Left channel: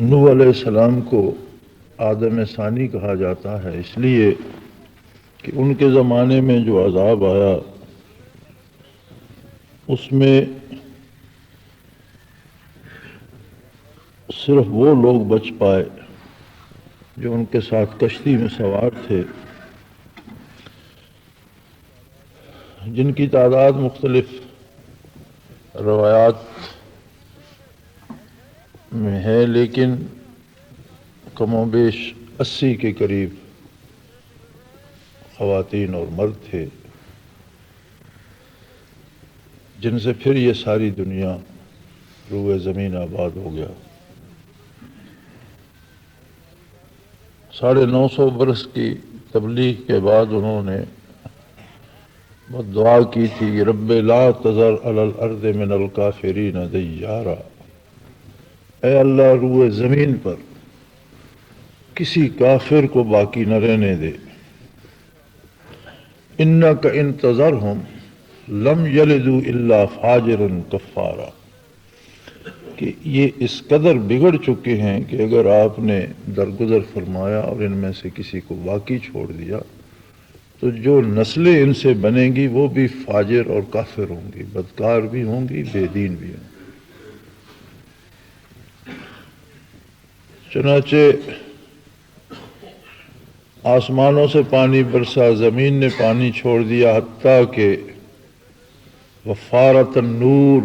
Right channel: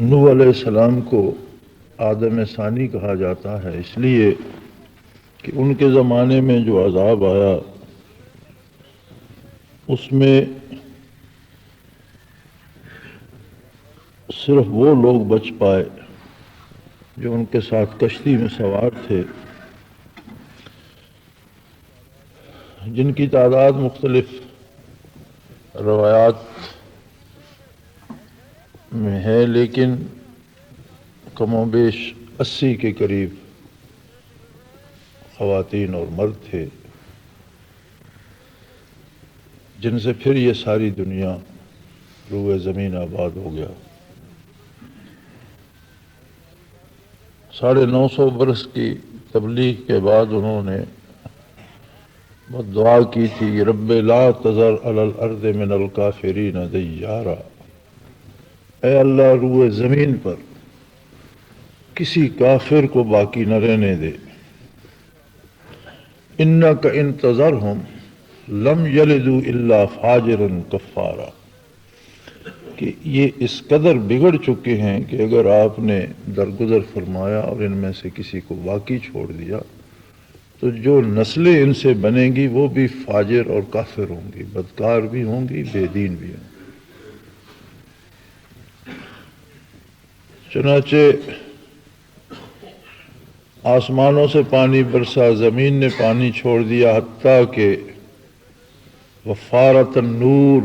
نوح علیہ السلام کو آدم ثانی کہا جاتا ہے اس لیے کہ ان کے زمانے میں جو عذاب آیا اس میں صرف وہ لوگ بچ پائے جو ان کے ساتھ کشتی میں سوار تھے، جن کی تعداد مختلف روایات میں ہے، لیکن کم و بیش 80 کے قریب خواتین اور مرد تھے، جن سے پھر یہ ساری دنیا روئے زمین آباد ہو گیا۔ 950 برس کی تبلیغ کے بعد انہوں نے وہ دعا کی تھی، رب لا تذر علی الارض من الکافرین دیارا، اے اللہ روئے زمین پر کسی کافر کو باقی نہ رہنے دے، انک ان تذرہم لم یلدوا الا فاجرا کفارا، کہ یہ اس قدر بگڑ چکے ہیں کہ اگر آپ نے درگزر فرمایا اور ان میں سے کسی کو باقی چھوڑ دیا تو جو نسلیں ان سے بنیں گی وہ بھی فاجر اور کافر ہوں گی، بدکار بھی ہوں گی، بے دین بھی ہوں گی۔ چنانچہ آسمانوں سے پانی برسا، زمین نے پانی چھوڑ دیا، حتیٰ کہ وفارت النور،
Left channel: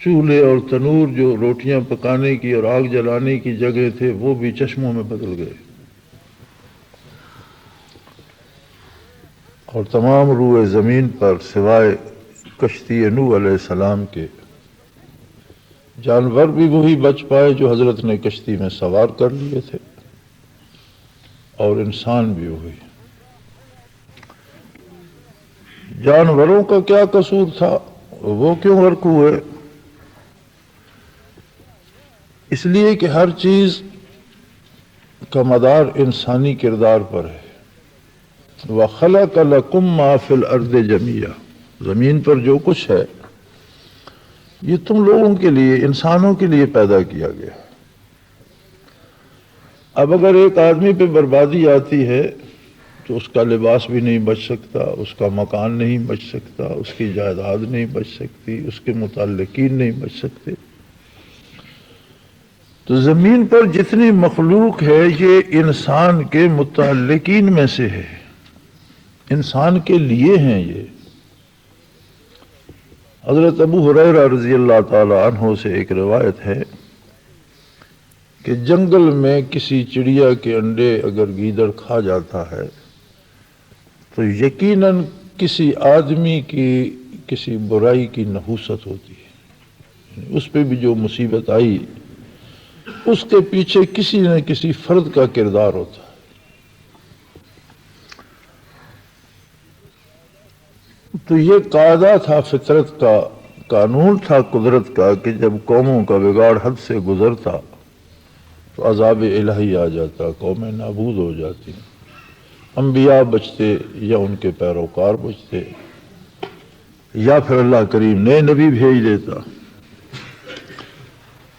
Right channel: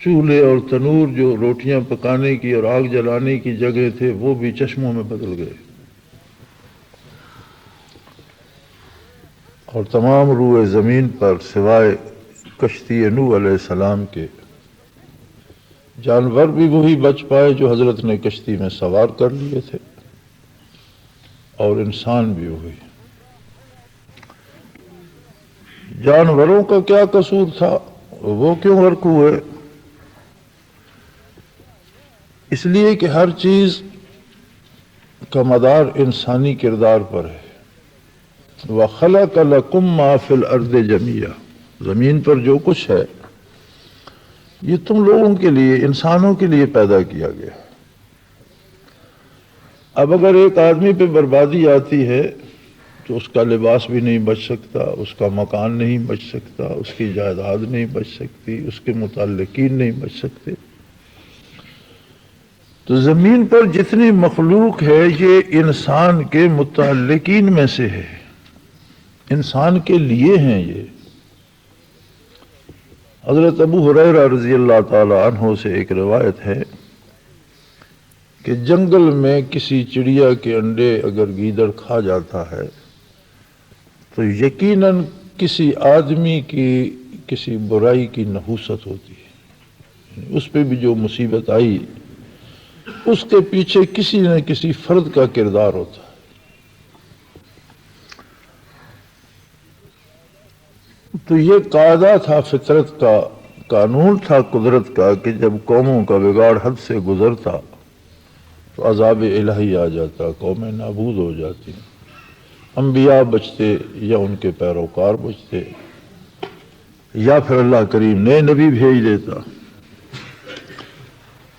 چولہے اور تنور جو روٹیاں پکانے کی اور آگ جلانے کی جگہ تھے وہ بھی چشموں میں بدل گئے، اور تمام روئے زمین پر سوائے کشتی نوح علیہ السلام کے جانور بھی وہی بچ پائے جو حضرت نے کشتی میں سوار کر لیے تھے، اور انسان بھی وہی۔ جانوروں کا کیا قصور تھا، وہ کیوں غرق ہوئے؟ اس لیے کہ ہر چیز کا مدار انسانی کردار پر ہے۔ وَخَلَقَ لَكُم مَّا فِي الْأَرْضِ جَمِيعًا، زمین پر جو کچھ ہے یہ تم لوگوں کے لیے، انسانوں کے لیے پیدا کیا گیا۔ اب اگر ایک آدمی پہ بربادی آتی ہے تو اس کا لباس بھی نہیں بچ سکتا، اس کا مکان نہیں بچ سکتا، اس کی جائیداد نہیں بچ سکتی، اس کے متعلقین نہیں بچ سکتے۔ تو زمین پر جتنی مخلوق ہے یہ انسان کے متعلقین میں سے ہے، انسان کے لیے ہیں۔ یہ حضرت ابو ہریرہ رضی اللہ تعالی عنہ سے ایک روایت ہے کہ جنگل میں کسی چڑیا کے انڈے اگر گیدڑ کھا جاتا ہے تو یقیناً کسی آدمی کی کسی برائی کی نحوست ہوتی ہے، اس پہ بھی جو مصیبت آئی اس کے پیچھے کسی نہ کسی فرد کا کردار ہوتا ہے۔ تو یہ قاعدہ تھا، فطرت کا قانون تھا، قدرت کا، کہ جب قوموں کا بگاڑ حد سے گزرتا تو عذاب الہی آ جاتا، قومیں نابود ہو جاتی، انبیاء بچتے یا ان کے پیروکار بچتے، یا پھر اللہ کریم نئے نبی بھیج دیتا۔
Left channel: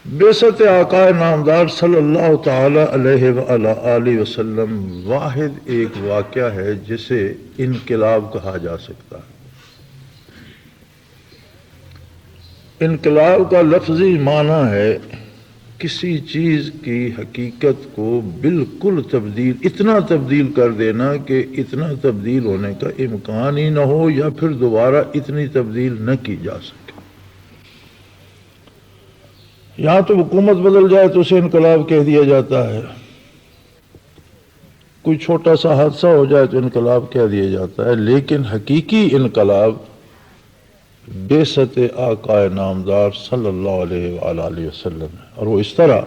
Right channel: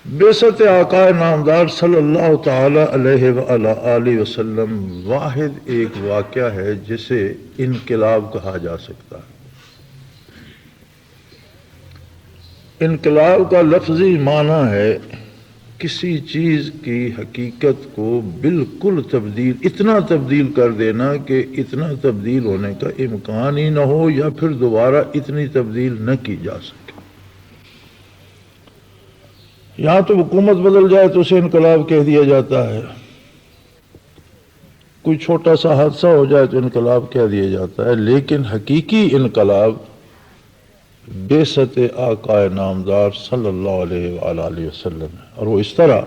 بعثت آقا نامدار صلی اللہ تعالی علیہ وآلہ آلہ وسلم واحد ایک واقعہ ہے جسے انقلاب کہا جا سکتا ہے۔ انقلاب کا لفظی معنی ہے کسی چیز کی حقیقت کو بالکل تبدیل، اتنا تبدیل کر دینا کہ اتنا تبدیل ہونے کا امکان ہی نہ ہو، یا پھر دوبارہ اتنی تبدیل نہ کی جا سکے۔ یا تو حکومت بدل جائے تو اسے انقلاب کہہ دیا جاتا ہے، کوئی چھوٹا سا حادثہ ہو جائے تو انقلاب کہہ دیا جاتا ہے، لیکن حقیقی انقلاب بعثت آقا نامدار صلی اللہ علیہ وآلہ وسلم ہے۔ اور وہ اس طرح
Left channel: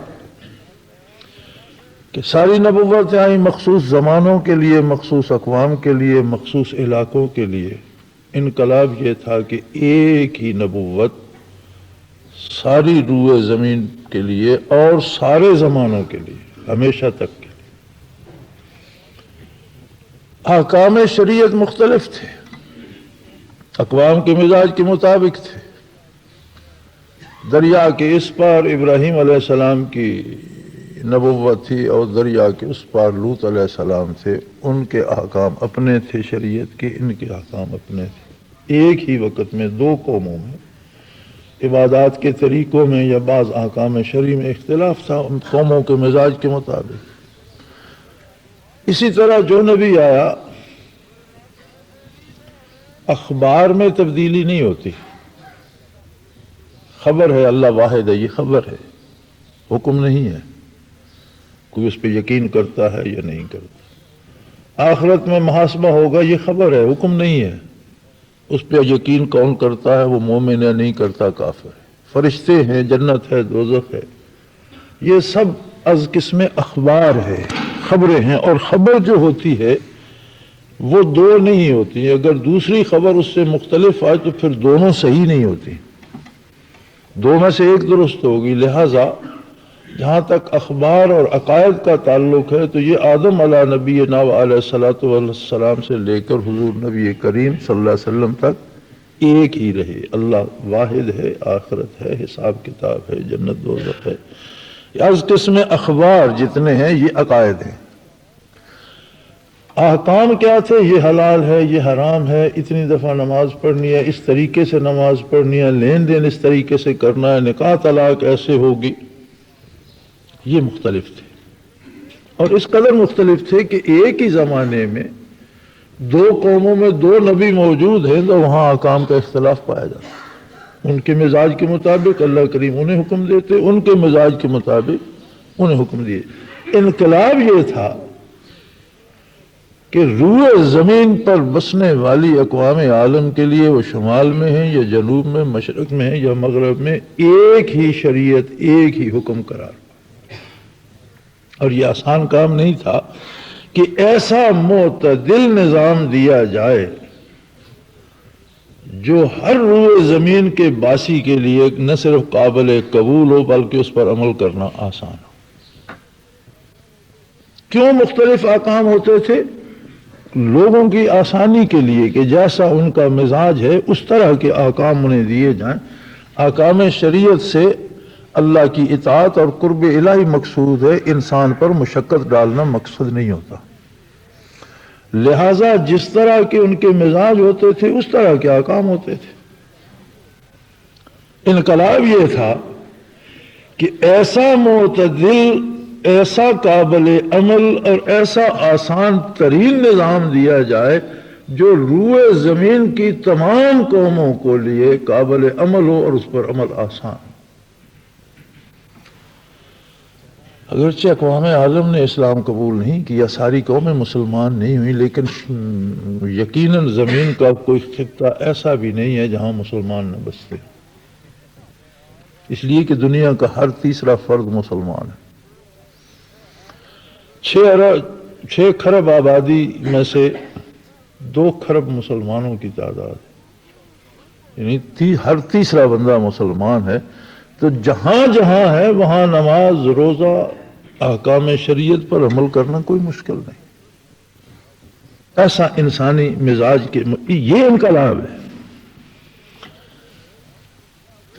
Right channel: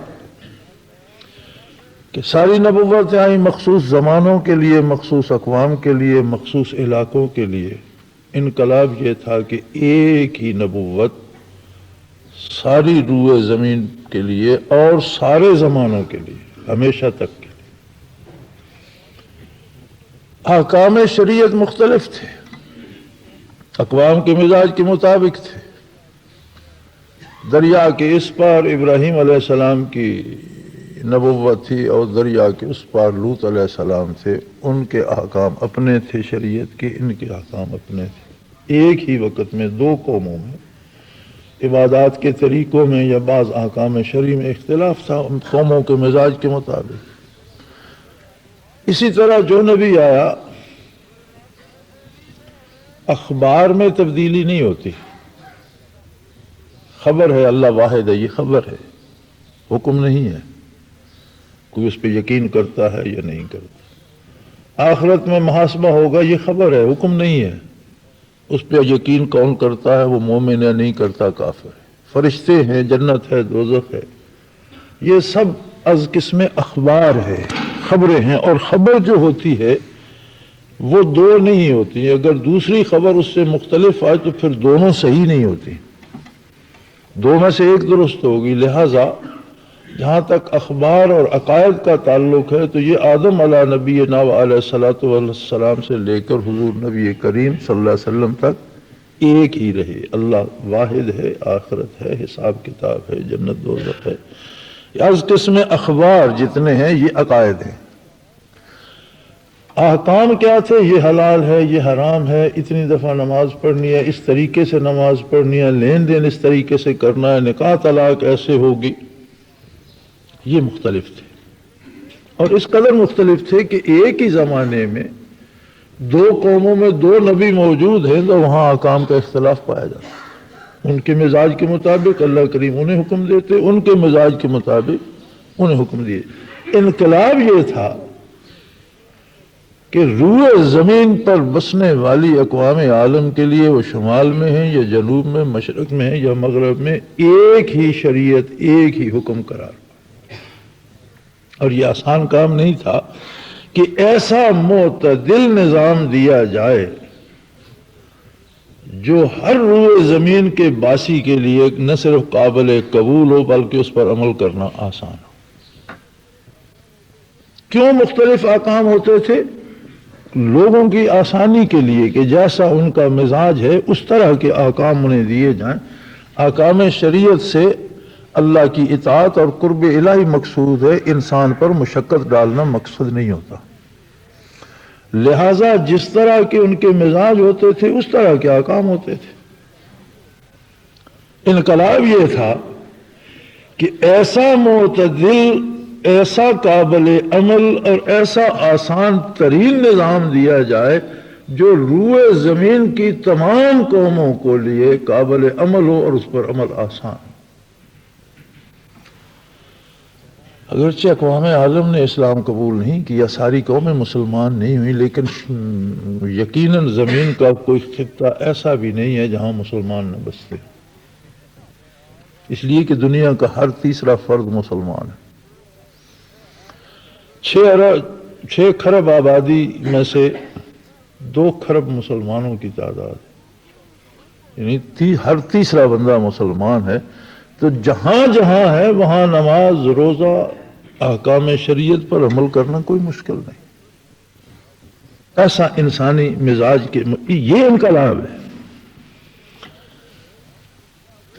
کہ ساری نبوتیں آئیں مخصوص زمانوں کے لیے، مخصوص اقوام کے لیے، مخصوص علاقوں کے لیے۔ انقلاب یہ تھا کہ ایک ہی نبوت ساری روئے زمین کے لیے اور سارے زمانوں کے لیے، ہمیشہ تک کے لیے۔ احکام شریعت مختلف تھے، اقوام کے مزاج کے مطابق تھے، دریا کے اس پار ابراہیم علیہ السلام کی نبوت تھی اور دریا کے اس پار لوط علیہ السلام تھے، ان کے احکام اپنے تھے شریعت کی، ان کے احکام اپنے تھے۔ ایک ہی وقت میں دو قوموں میں عبادات کے طریقوں میں یا بعض احکام شرعی میں اختلاف تھا ان قوموں کے مزاج کے مطابق۔ اسی طرح جو نبی آیا اخبار میں تبدیلی نہیں ہوتی، خبر ہو اللہ واحد ہے یہ خبر ہے، حکم نہیں ہے، کوئی اس پہ یقین کرتا ہے یا نہیں کرتا۔ آخرت میں محاسبہ ہوگا یہ خبر ہے، حکم نہیں ہے، اس پہ یقین کون کرتا ہے وہ مومن یا نہیں کرتا کافر۔ فرشتے ہیں، جنت ہے، دوزخ ہے، یہ سب از قسم اخبار ہے، خبریں ہیں، اور خبر جو ہوتی ہے وہ دو نہیں ہوتی، اگر دوسری خبر اس سے مختلف آئے تو پھر دونوں صحیح نہیں ہوتی، دو میں سے ایک درست ہوگی۔ لہذا جہاں تک اخبار اور عقائد کا تعلق ہے تو یہ آدم علیہ نبینا علیہ الصلوۃ والسلام سے لے کر حضور نبی کریم صلی اللہ علیہ وسلم تک ایک ہی رہے، اللہ واحد ہے، آخرت ہے، حساب کتاب ہے، جنت دوزخ ہے۔ اس قسم اخبار جتنے ہیں یہ عقائد ہیں۔ احکام کیا تھے؟ یہ حلال ہے، یہ حرام ہے، اتنی دفعہ نماز پڑھنی ہے، اس طریقے سے نماز پڑھنی ہے، لین دین اس طریقے سے کرنا ہے، نکاح طلاق ایسے ہوگی، یہ مختلف تھے، اور اس قدر مختلف تھے کہ ایک ہی زمانے میں دو قوموں میں دو نبی موجود ہیں تو وہاں احکام کا اختلاف پایا جاتا، ان کے مزاج کے مطابق اللہ کریم انہیں حکم دیتے، ان کے مزاج کے مطابق انہیں حکم دیے۔ انقلاب یہ تھا کہ روئے زمین پر بسنے والی اقوام عالم کے لیے وہ شمال میں ہیں یا جنوب میں، مشرق میں ہیں یا مغرب میں، ایک ہی شریعت، ایک ہی حکم قرار۔ اور یہ آسان کام نہیں تھا کہ ایسا معتدل نظام دیا جائے جو ہر روئے زمین کے باسی کے لیے نہ صرف قابل قبول ہو بلکہ اس پر عمل کرنا آسان ہو۔ کیوں مختلف احکام ہوتے تھے؟ لوگوں کی آسانی کے لیے کہ جیسا ان کا مزاج ہے اس طرح کے احکام انہیں دیے جائیں۔ احکام شریعت سے اللہ کی اطاعت اور قرب الہی مقصود ہے، انسان پر مشقت ڈالنا مقصود نہیں ہوتا۔ لہذا جس طرح کے ان کے مزاج ہوتے تھے اس طرح کے احکام ہوتے تھے۔ انقلاب یہ تھا کہ ایسا معتدل، ایسا قابل عمل اور ایسا آسان ترین نظام دیا جائے جو روئے زمین کی تمام قوموں کو لیے قابل عمل ہو اور اس پر عمل آسان ہو۔ اگرچہ اقوام عالم نے اسلام قبول نہیں کیا، ساری قومیں مسلمان نہیں ہوئی، لیکن یقیناً زمین کا کوئی خطہ ایسا بھی نہیں ہے جہاں مسلمان نہ بستے، اس لیے کہ دنیا کا ہر تیسرا فرد مسلمان ہے۔ 6 کھرب آبادی میں سے 2 کھرب مسلمانوں کی تعداد ہے، یعنی ہر تیسرا بندہ مسلمان ہے، تو جہاں جہاں ہے وہاں نماز، روزہ، احکام شریعت پر عمل کرنا کوئی مشکل نہیں۔ ایسا انسانی مزاج کے یہ انقلاب ہے۔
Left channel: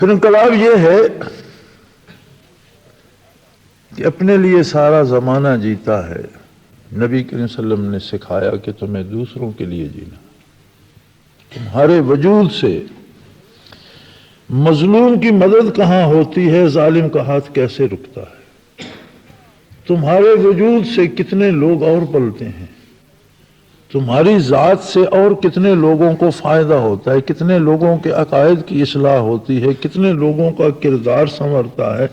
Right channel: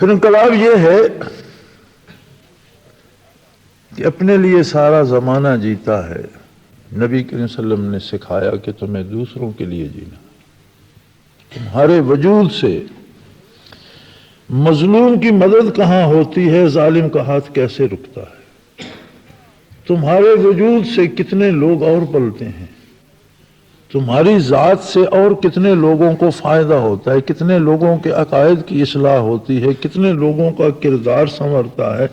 پھر انقلاب یہ ہے کہ اپنے لیے سارا زمانہ جیتا ہے۔ نبی کریم صلی اللہ علیہ وسلم نے سکھایا کہ تمہیں دوسروں کے لیے جینا، تمہارے وجود سے مظلوم کی مدد کہاں ہوتی ہے، ظالم کا ہاتھ کیسے رکتا ہے، تمہارے وجود سے کتنے لوگ اور پلتے ہیں، تمہاری ذات سے اور کتنے لوگوں کو فائدہ ہوتا ہے، کتنے لوگوں کے عقائد کی اصلاح ہوتی ہے، کتنے لوگوں کا کردار سنورتا ہے،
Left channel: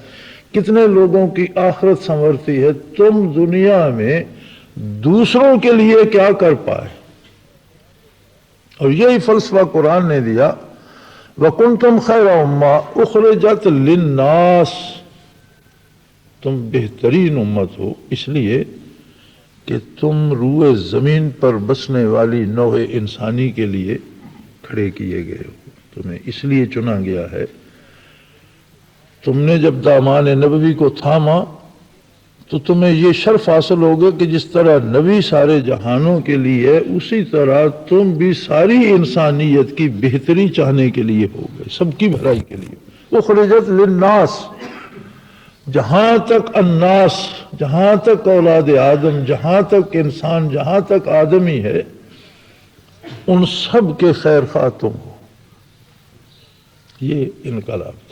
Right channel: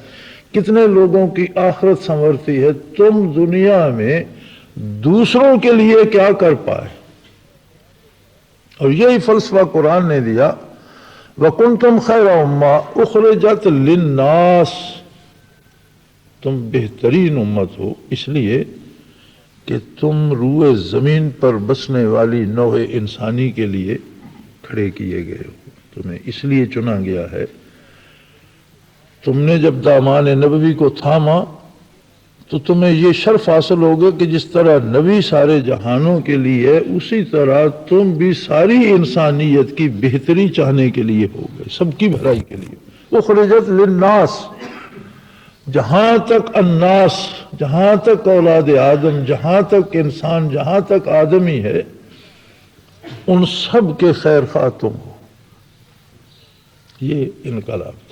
کتنے لوگوں کی آخرت سنورتی ہے، تم دنیا میں دوسروں کے لیے کیا کر پائے۔ اور یہی فلسفہ قرآن نے دیا، وَكُنْتُمْ خَيْرَ أُمَّةٍ أُخْرِجَتْ لِلنَّاسِ، تم بہترین امت ہو اس لیے کہ تم روئے زمین پر بسنے والی نوع انسانی کے لیے کھڑے کیے گئے ہو، تمہیں اس لیے چنا گیا ہے۔ تم نے جب دامان نبوی کو تھاما تو تمہیں یہ شرف حاصل ہوگا کہ جس طرح نبی سارے جہانوں کے لیے، اسی طرح تم بھی ساری انسانیت کی بہتری چاہنے کے لیے ہو گئے، سب کی بھلائی کے لیے۔ اخرجت للناس، جہاں تک الناس، جہاں تک اولاد آدم، جہاں تک انسان، جہاں تک آدمی ہے، ان سب کے خیر خواہ تم ہو. یہ انقلاب.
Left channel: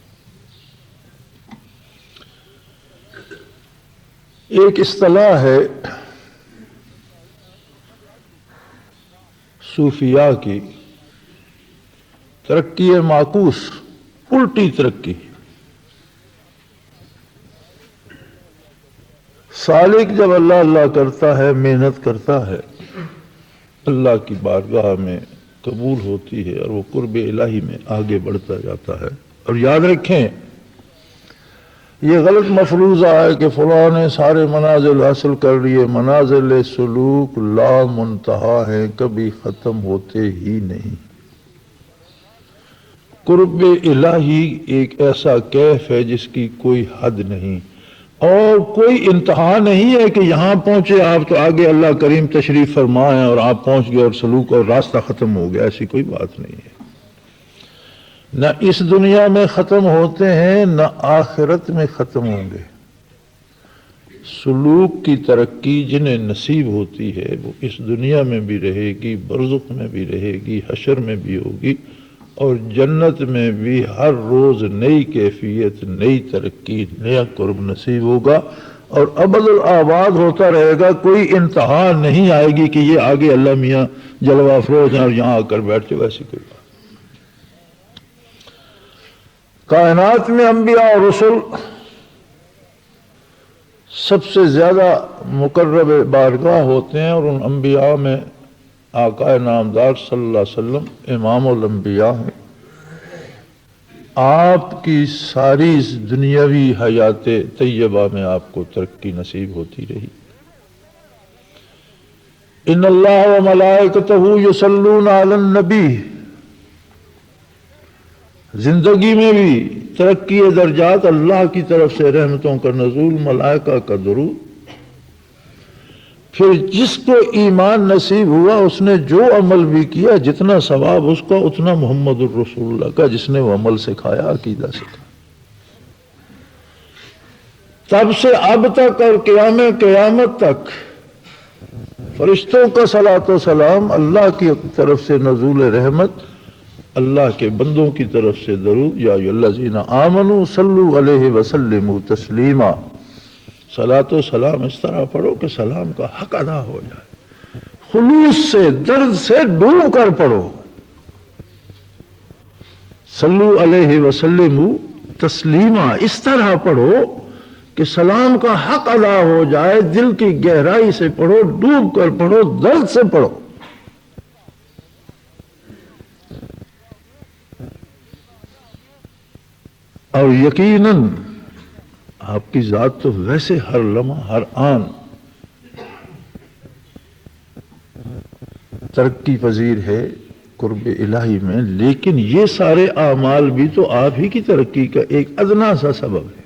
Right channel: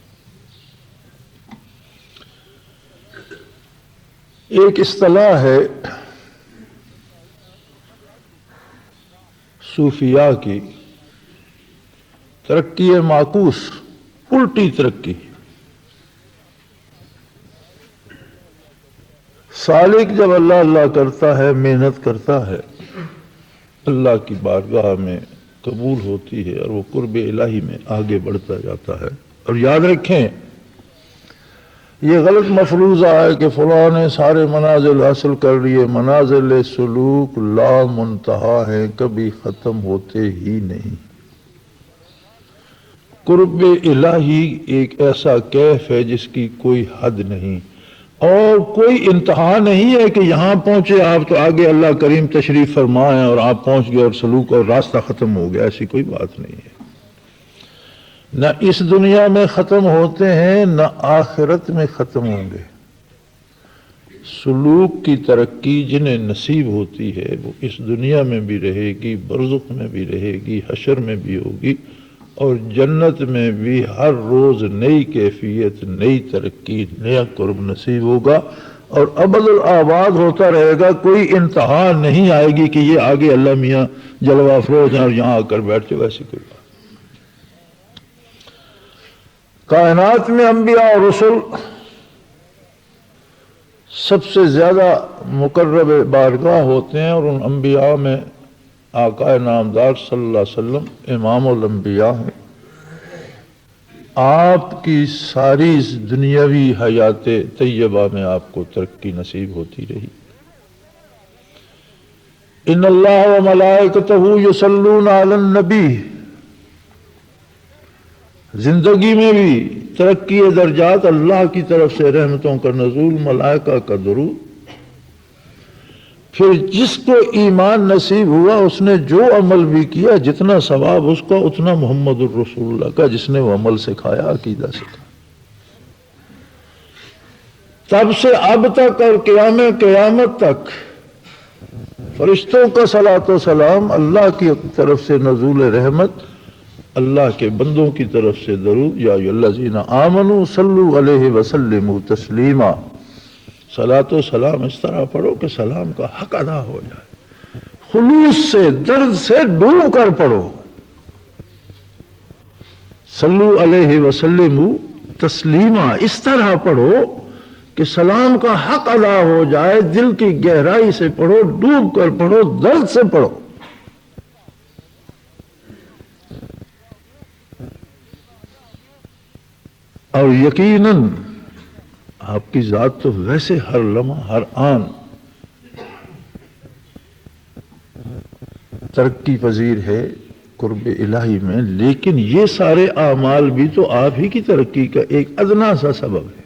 ایک اصطلاح ہے صوفیاء کی، ترقی معکوس، الٹی ترقی. سالک جب اللہ اللہ کرتا ہے، محنت کرتا ہے، اللہ کی بارگاہ میں قبول ہوتی ہے اور وہ قرب الہی میں آگے بڑھتا جاتا ہے. اور یاد رکھیں، یہ غلط مفروضہ ہے کہ فلاں نے سارے منازل حاصل کر لیے. منازل سلوک لا منتہا ہیں، کبھی ختم ہوتے ہی نہیں. قرب الہی ایک ایسا کیف ہے جس کی کوئی حد نہیں اور کوئی انتہا نہیں ہے کہ یہاں پہنچے آپ تو آگے اللہ کریم تشریف فرمائیں اور آپ پہنچ گئے اور سلوک اور راستہ ختم ہو گیا. ایسی کوئی بات نہیں ہے. نہ اس دنیا میں ختم ہوتے ہیں، نہ آخرت میں ختم ہوں گے. سلوک کی ترقی جنہیں نصیب ہوتی ہے وہ اس دنیا میں بھی رہے گی، برزخ میں بھی رہے گی، حشر میں بھی ہوگی، اور جنت میں بھی ہر روز نئی کیفیت، نئی ترقی، نیا قرب نصیب ہوگا اور ابد الآباد ہوتا رہے گا. کوئی انتہا نہیں آئے گی کہ یہ آگے اللہ میاں جلوہ افروز ہیں اور یہاں آ کر بیٹھ جائے. ایسی کوئی بات. کائنات میں انبیاء اور رسل سب سے زیادہ مقرب بارگاہ ہوتے ہیں، اور ان انبیاء میں آقا نامدار صلی اللہ علیہ وسلم امام الانبیاء ہیں. آپ کی ساری دنیاوی حیات طیبہ میں آپ کو ترقی نصیب ہوتی رہی. ان اللہ و ملائکتہ یصلون علی النبی. زندگی میں بھی ترقی درجات، اللہ کی طرف سے رحمتوں کا نزول، ملائکہ کا درود. پھر جس کو ایمان نصیب ہوا اس نے جو عمل بھی کیا، جتنا ثواب اس کا اتنا محمد الرسول اللہ کا، جس نے وہ عمل سکھایا، عقیدہ سکھایا. تب سے اب تک اور قیامت تک فرشتوں کا صلاۃ و سلام، اللہ کی طرف سے نزول رحمت، اللہ کے بندوں کی طرف سے درود. یا ایھا الذین آمنوا صلوا علیہ وسلموا تسلیما. صلاۃ و سلام اس طرح پڑھو کہ سلام کا حق ادا ہو جائے. خلوص سے، دل سے ڈوب کر پڑھو. صلو علیہ وسلموا تسلیما، اس طرح پڑھو کہ سلام کا حق ادا ہو جائے. دل کی گہرائی سے پڑھو، ڈوب کر پڑھو، دل سے پڑھو. اور یقیناً آپ کی ذات تو ویسے ہر لمحہ، ہر آن ترقی پذیر ہے قرب الہی میں، لیکن یہ سارے اعمال بھی تو آپ ہی کی ترقی کا ایک ادنا سا سبب ہے،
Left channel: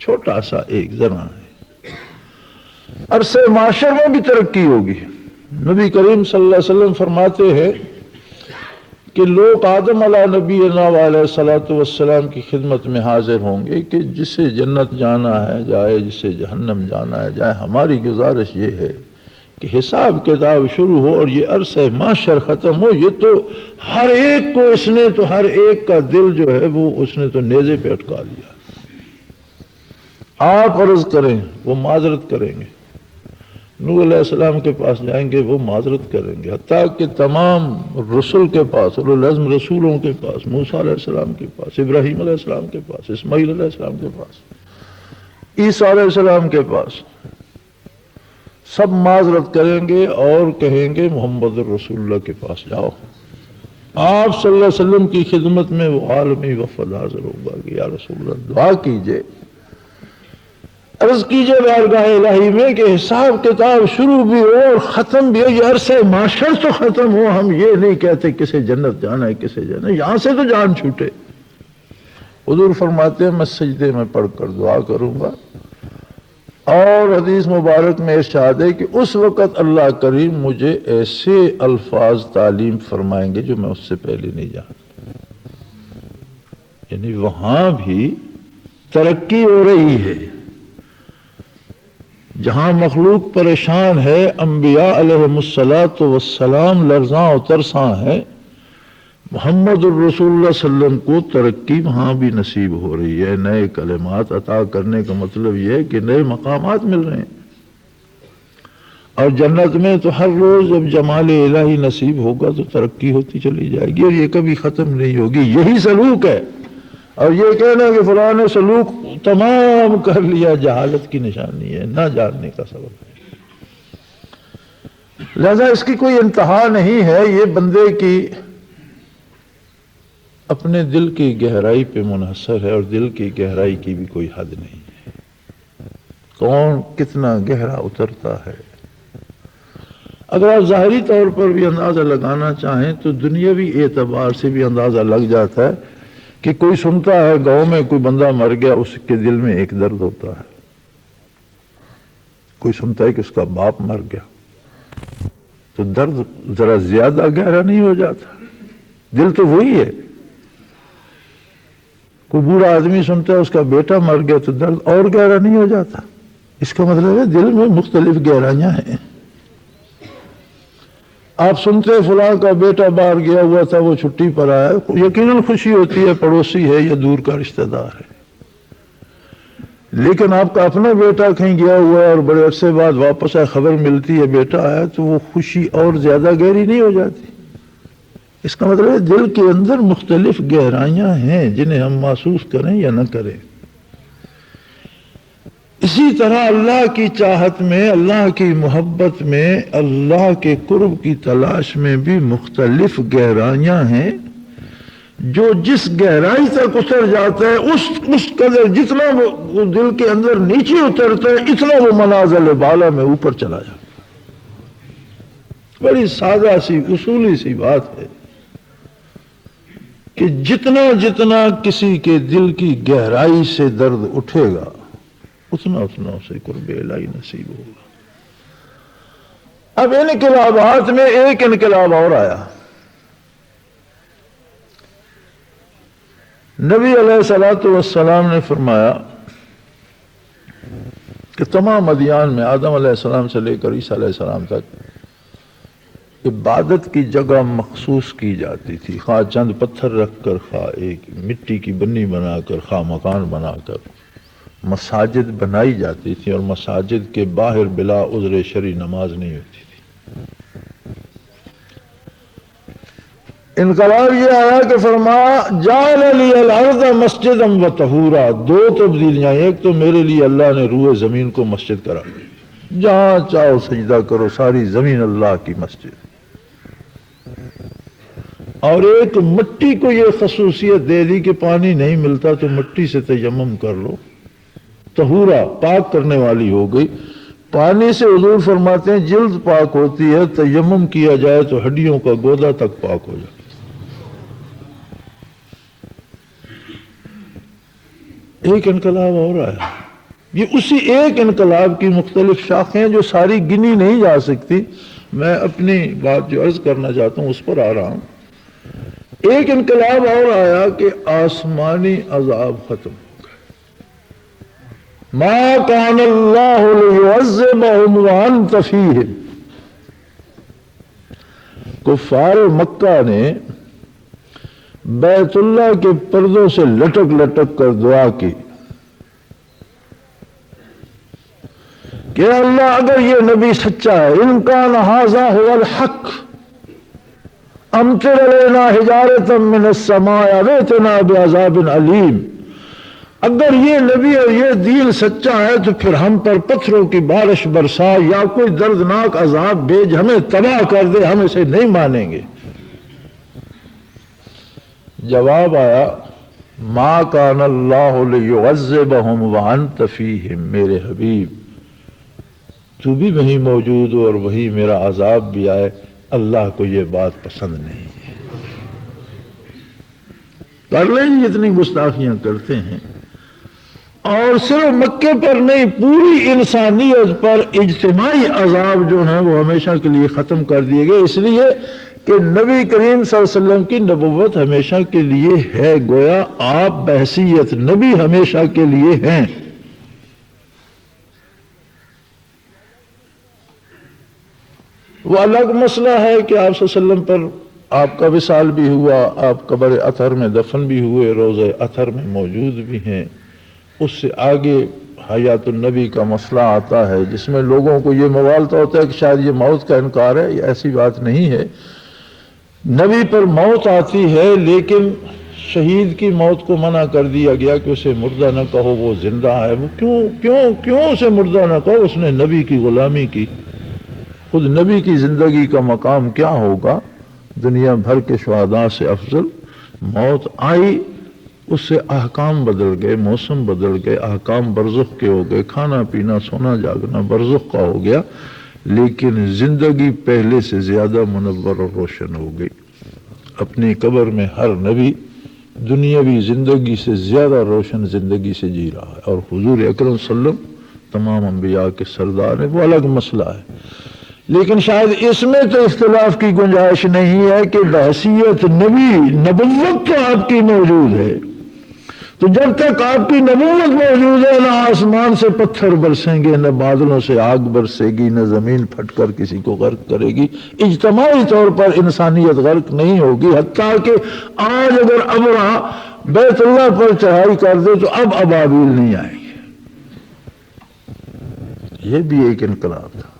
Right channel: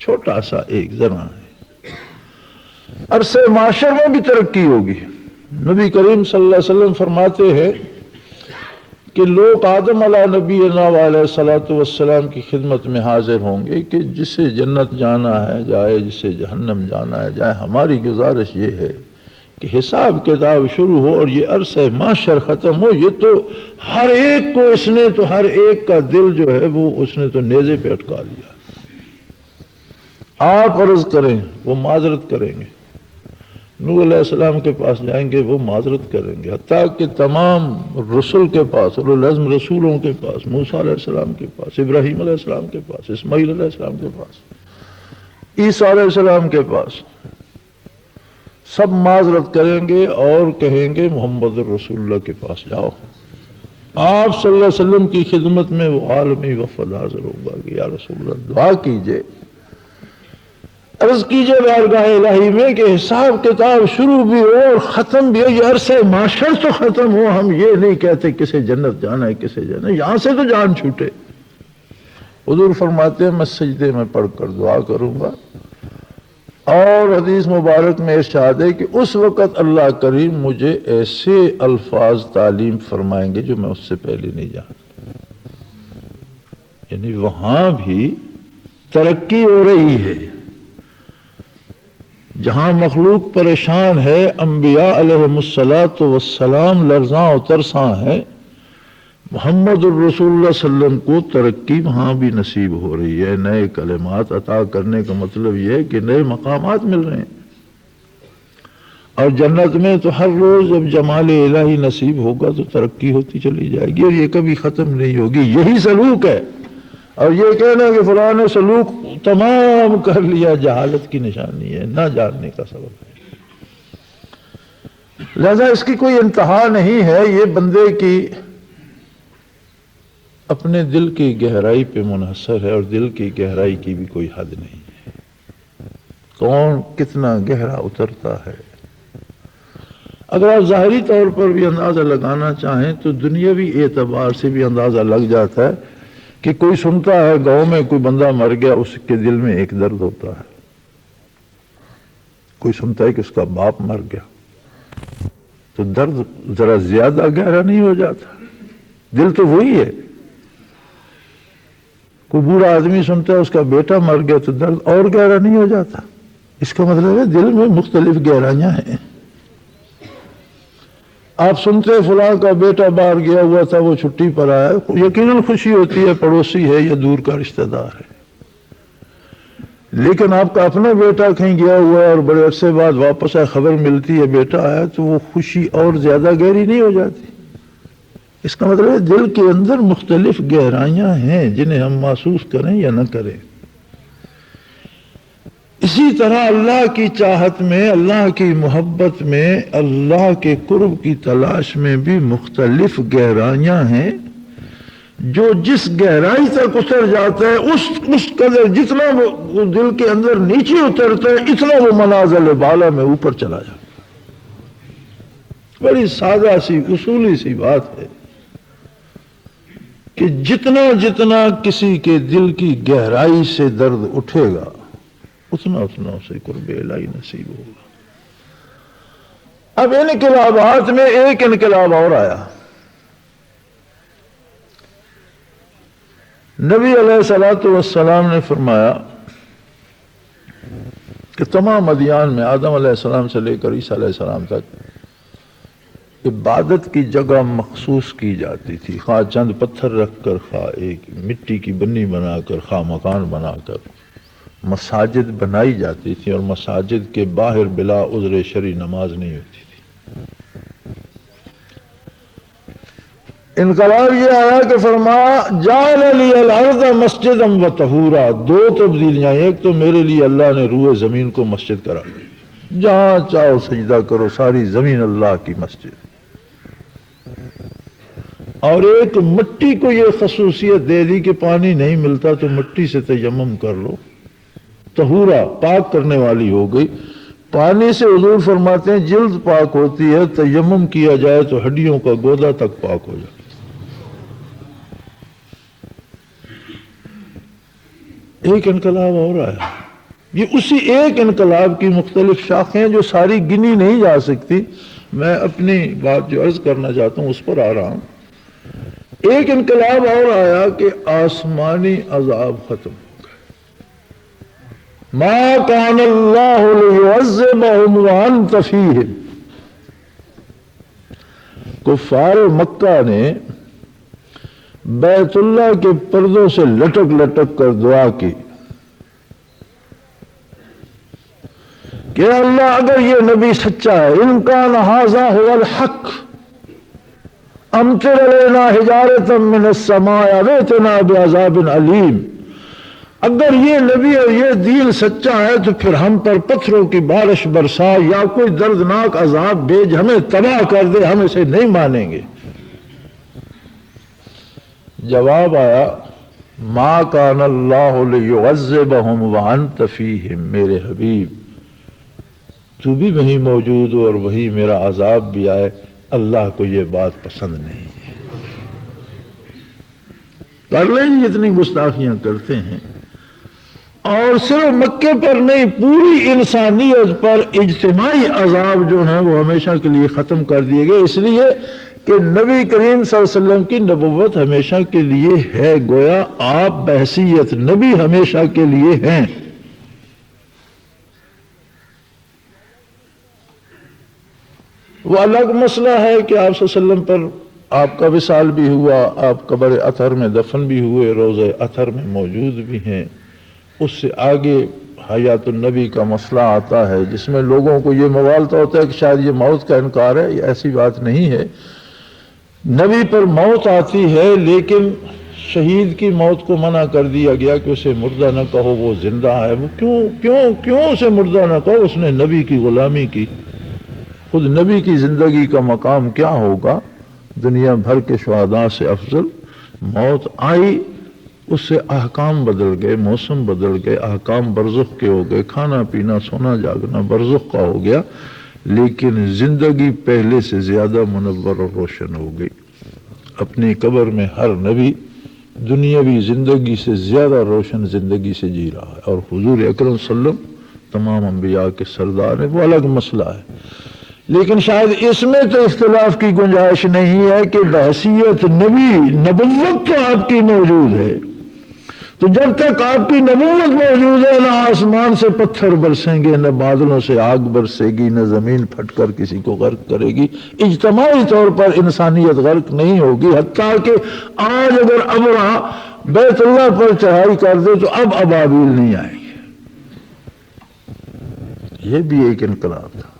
چھوٹا سا ایک ذرا. عرصے معاشر میں بھی ترقی ہوگی. نبی کریم صلی اللہ علیہ وسلم فرماتے ہیں کہ لوگ آدم علیہ نبینا علیہ الصلوۃ والسلام کی خدمت میں حاضر ہوں گے کہ جسے جنت جانا ہے جائے، جسے جہنم جانا ہے جائے. ہماری گزارش یہ ہے کہ حساب کتاب شروع ہو اور یہ عرصہ معاشر ختم ہو. یہ تو ہر ایک کو اس نے تو، ہر ایک کا دل جو ہے وہ اس نے تو نیزے پہ اٹکا لیا. آپ عرض کریں وہ معذرت کریں گے، نوح علیہ السلام کے پاس جائیں گے وہ معذرت کریں گے، حتیٰ کہ تمام رسول کے پاس، رسولوں کے پاس، موسیٰ علیہ السلام کے پاس، ابراہیم علیہ السلام کے پاس، اسماعیل علیہ السلام کے پاس، عیسیٰ علیہ السلام کے پاس، سب معذرت کریں گے اور کہیں گے محمد رسول اللہ کے پاس جاؤ. آپ صلی اللہ علیہ وسلم کی خدمت میں وہ عالمی وفد حاضر ہوگا. یا رسول اللہ دعا کیجئے، عرض کیجئے بارگاہ الہی میں کہ حساب کتاب شروع بھی ہو اور ختم بھی ہو. یہ عرصہ معاشر تو ختم ہو. ہم یہ نہیں کہتے کسے جنت جانا ہے کسے جانا ہے، یہاں سے تو جان چھوٹے. حضور فرماتے ہیں میں سجدے میں پڑھ کر دعا کروں گا، اور حدیث مبارک میں ارشاد ہے کہ اس وقت اللہ کریم مجھے ایسے الفاظ تعلیم فرمائیں گے جو میں اس سے پہلے نہیں جانتا. یعنی وہاں بھی ترقی ہو رہی ہے. جہاں مخلوق پریشان ہے، انبیاء علیہم الصلاۃ والسلام لرزاں و ترساں ہیں، محمد الرسول اللہ صلی اللہ علیہ وسلم کو ترقی وہاں بھی نصیب ہو رہی ہے. نئے کلمات عطا کرنے کا مطلب یہ ہے کہ نئے مقامات مل رہے ہیں. اور جنت میں تو ہر روز اب جمال الہی نصیب ہوگا تو ترقی ہوتی چلی جائے گی، اور یہ کبھی ختم نہیں ہوگی. یہی سلوک ہے. اور یہ کہنا کہ فلاں نے سلوک تمام کر لیا، جہالت کی نشانی ہے، نہ جاننے کا سبب ہے. لہذا اس کی کوئی انتہا نہیں ہے. یہ بندے کی اپنے دل کی گہرائی پہ منحصر ہے، اور دل کی گہرائی کی بھی کوئی حد نہیں ہے. کون کتنا گہرا اترتا ہے. اگر ظاہری طور پر بھی اندازہ لگانا چاہیں تو دنیاوی اعتبار سے بھی اندازہ لگ جاتا ہے کہ کوئی سنتا ہے گاؤں میں کوئی بندہ مر گیا، اس کے دل میں ایک درد ہوتا ہے. کوئی سنتا ہے کہ اس کا باپ مر گیا تو درد ذرا زیادہ گہرا نہیں ہو جاتا؟ دل تو وہی ہے. کوئی بوڑھا آدمی سنتا ہے اس کا بیٹا مر گیا تو درد اور گہرا نہیں ہو جاتا؟ اس کا مطلب ہے دل میں مختلف گہرائیاں ہیں. آپ سنتے فلاں کا بیٹا باہر گیا ہوا تھا، وہ چھٹی پر آیا، یقیناً خوشی ہوتی ہے، پڑوسی ہے یا دور کا رشتہ دار ہے. لیکن آپ کا اپنا بیٹا کہیں گیا ہوا ہے اور بڑے عرصے بعد واپس آئے، خبر ملتی ہے بیٹا آیا، تو وہ خوشی اور زیادہ گہری نہیں ہو جاتی؟ اس کا مطلب ہے دل کے اندر مختلف گہرائیاں ہیں جنہیں ہم محسوس کریں یا نہ کریں. اسی طرح اللہ کی چاہت میں، اللہ کی محبت میں، اللہ کے قرب کی تلاش میں بھی مختلف گہرائیاں ہیں. جو جس گہرائی تک اتر جاتا ہے اس قدر جتنا وہ دل کے اندر نیچے اترتا ہے، اتنا وہ منازل بالا میں اوپر چلا جاتا ہے. بڑی سادہ سی اصولی سی بات ہے کہ جتنا جتنا کسی کے دل کی گہرائی سے درد اٹھے گا، اتنا اسے قرب الہی نصیب ہوگا. اب انقلابات میں ایک انقلاب اور آیا. نبی علیہ الصلوۃ والسلام نے فرمایا کہ تمام ادیان میں آدم علیہ السلام سے لے کر عیسیٰ علیہ السلام عبادت کی جگہ مخصوص کی جاتی تھی. خواہ چند پتھر رکھ کر، خواہ ایک مٹی کی بنی بنا کر، خواہ مکان بنا کر مساجد بنائی جاتی تھی، اور مساجد کے باہر بلا عذر شرعی نماز نہیں ہوتی تھی. انقلاب یہ آیا کہ فرمایا جعل لی الارض مسجدا و طہورا. دو تبدیلیاں، ایک تو میرے لیے اللہ نے روئے زمین کو مسجد کرا دی، جہاں چاہو سجدہ کرو، ساری زمین اللہ کی مسجد. اور ایک مٹی کو یہ خصوصیت دے دی کہ پانی نہیں ملتا تو مٹی سے تیمم کر لو، طہورا پاک کرنے والی ہو گئی. پانی سے حضور فرماتے ہیں جلد پاک ہوتی ہے، تیمم کیا جائے تو ہڈیوں کا گودا تک پاک ہو جائے. ایک انقلاب اور آیا. یہ اسی ایک انقلاب کی مختلف شاخیں جو ساری گنی نہیں جا سکتی. میں اپنی بات جو عرض کرنا چاہتا ہوں اس پر آ رہا ہوں. ایک انقلاب اور آیا کہ آسمانی عذاب ختم. ما کان اللہ لیعذبہم وانت فیہم. کفار مکہ نے بیت اللہ کے پردوں سے لٹک لٹک کر دعا کی کہ اللہ اگر یہ نبی سچا ہے، ان کان ھذا ھو الحق امطر علینا حجارۃ من السماء او ائتنا بعذاب علیم. اگر یہ نبی اور یہ دین سچا ہے تو پھر ہم پر پتھروں کی بارش برسا یا کوئی دردناک عذاب بھیج، ہمیں تباہ کر دے، ہم اسے نہیں مانیں گے. جواب آیا ما کان اللہ لیعذبہم وانت فیہم. میرے حبیب تو بھی وہیں موجود ہو اور وہیں میرا عذاب بھی آئے، اللہ کو یہ بات پسند نہیں. کر لیں جتنی گستاخیاں کرتے ہیں. اور صرف مکے پر نہیں، پوری انسانیت پر اجتماعی عذاب جو ہیں وہ ہمیشہ کے لیے ختم کر دیے گئے، اس لیے کہ نبی کریم صلی اللہ علیہ وسلم کی نبوت ہمیشہ کے لیے ہے، گویا آپ بحیثیت نبی ہمیشہ کے لیے ہیں۔ وہ الگ مسئلہ ہے کہ آپ صلی اللہ علیہ وسلم پر آپ کا وصال بھی ہوا، آپ قبر اطہر میں دفن بھی ہوئے، روضہ اطہر میں موجود بھی ہیں۔ اس سے آگے حیات النبی کا مسئلہ آتا ہے جس میں لوگوں کو یہ مغالطہ ہوتا ہے کہ شاید یہ موت کا انکار ہے۔ یہ ایسی بات نہیں ہے، نبی پر موت آتی ہے لیکن شہید کی موت کو منع کر دیا گیا کہ اسے مردہ نہ کہو، وہ زندہ ہے۔ وہ کیوں اسے مردہ نہ کہو؟ اس نے نبی کی غلامی کی۔ خود نبی کی زندگی کا مقام کیا ہوگا؟ دنیا بھر کے شہداء سے افضل۔ موت آئی، اس سے احکام بدل گئے، موسم بدل گئے، احکام برزخ کے ہو گئے، کھانا پینا سونا جاگنا برزخ کا ہو گیا، لیکن زندگی پہلے سے زیادہ منور اور روشن ہو گئی۔ اپنی قبر میں ہر نبی دنیاوی زندگی سے زیادہ روشن زندگی سے جی رہا ہے، اور حضور اکرم صلی اللہ علیہ وسلم تمام انبیاء کے سردار ہیں۔ وہ الگ مسئلہ ہے، لیکن شاید اس میں تو اختلاف کی گنجائش نہیں ہے کہ بحیثیت نبی نبوت تو آپ کی موجود ہے۔ تو جب تک آپ کی نبوت موجود ہے، نہ آسمان سے پتھر برسیں گے، نہ بادلوں سے آگ برسے گی، نہ زمین پھٹ کر کسی کو غرق کرے گی، اجتماعی طور پر انسانیت غرق نہیں ہوگی۔ حتیٰ کہ آج اگر ابرا بیت اللہ پر چڑھائی کر دے تو اب ابابیل نہیں آئیں گے۔ یہ بھی ایک انقلاب تھا۔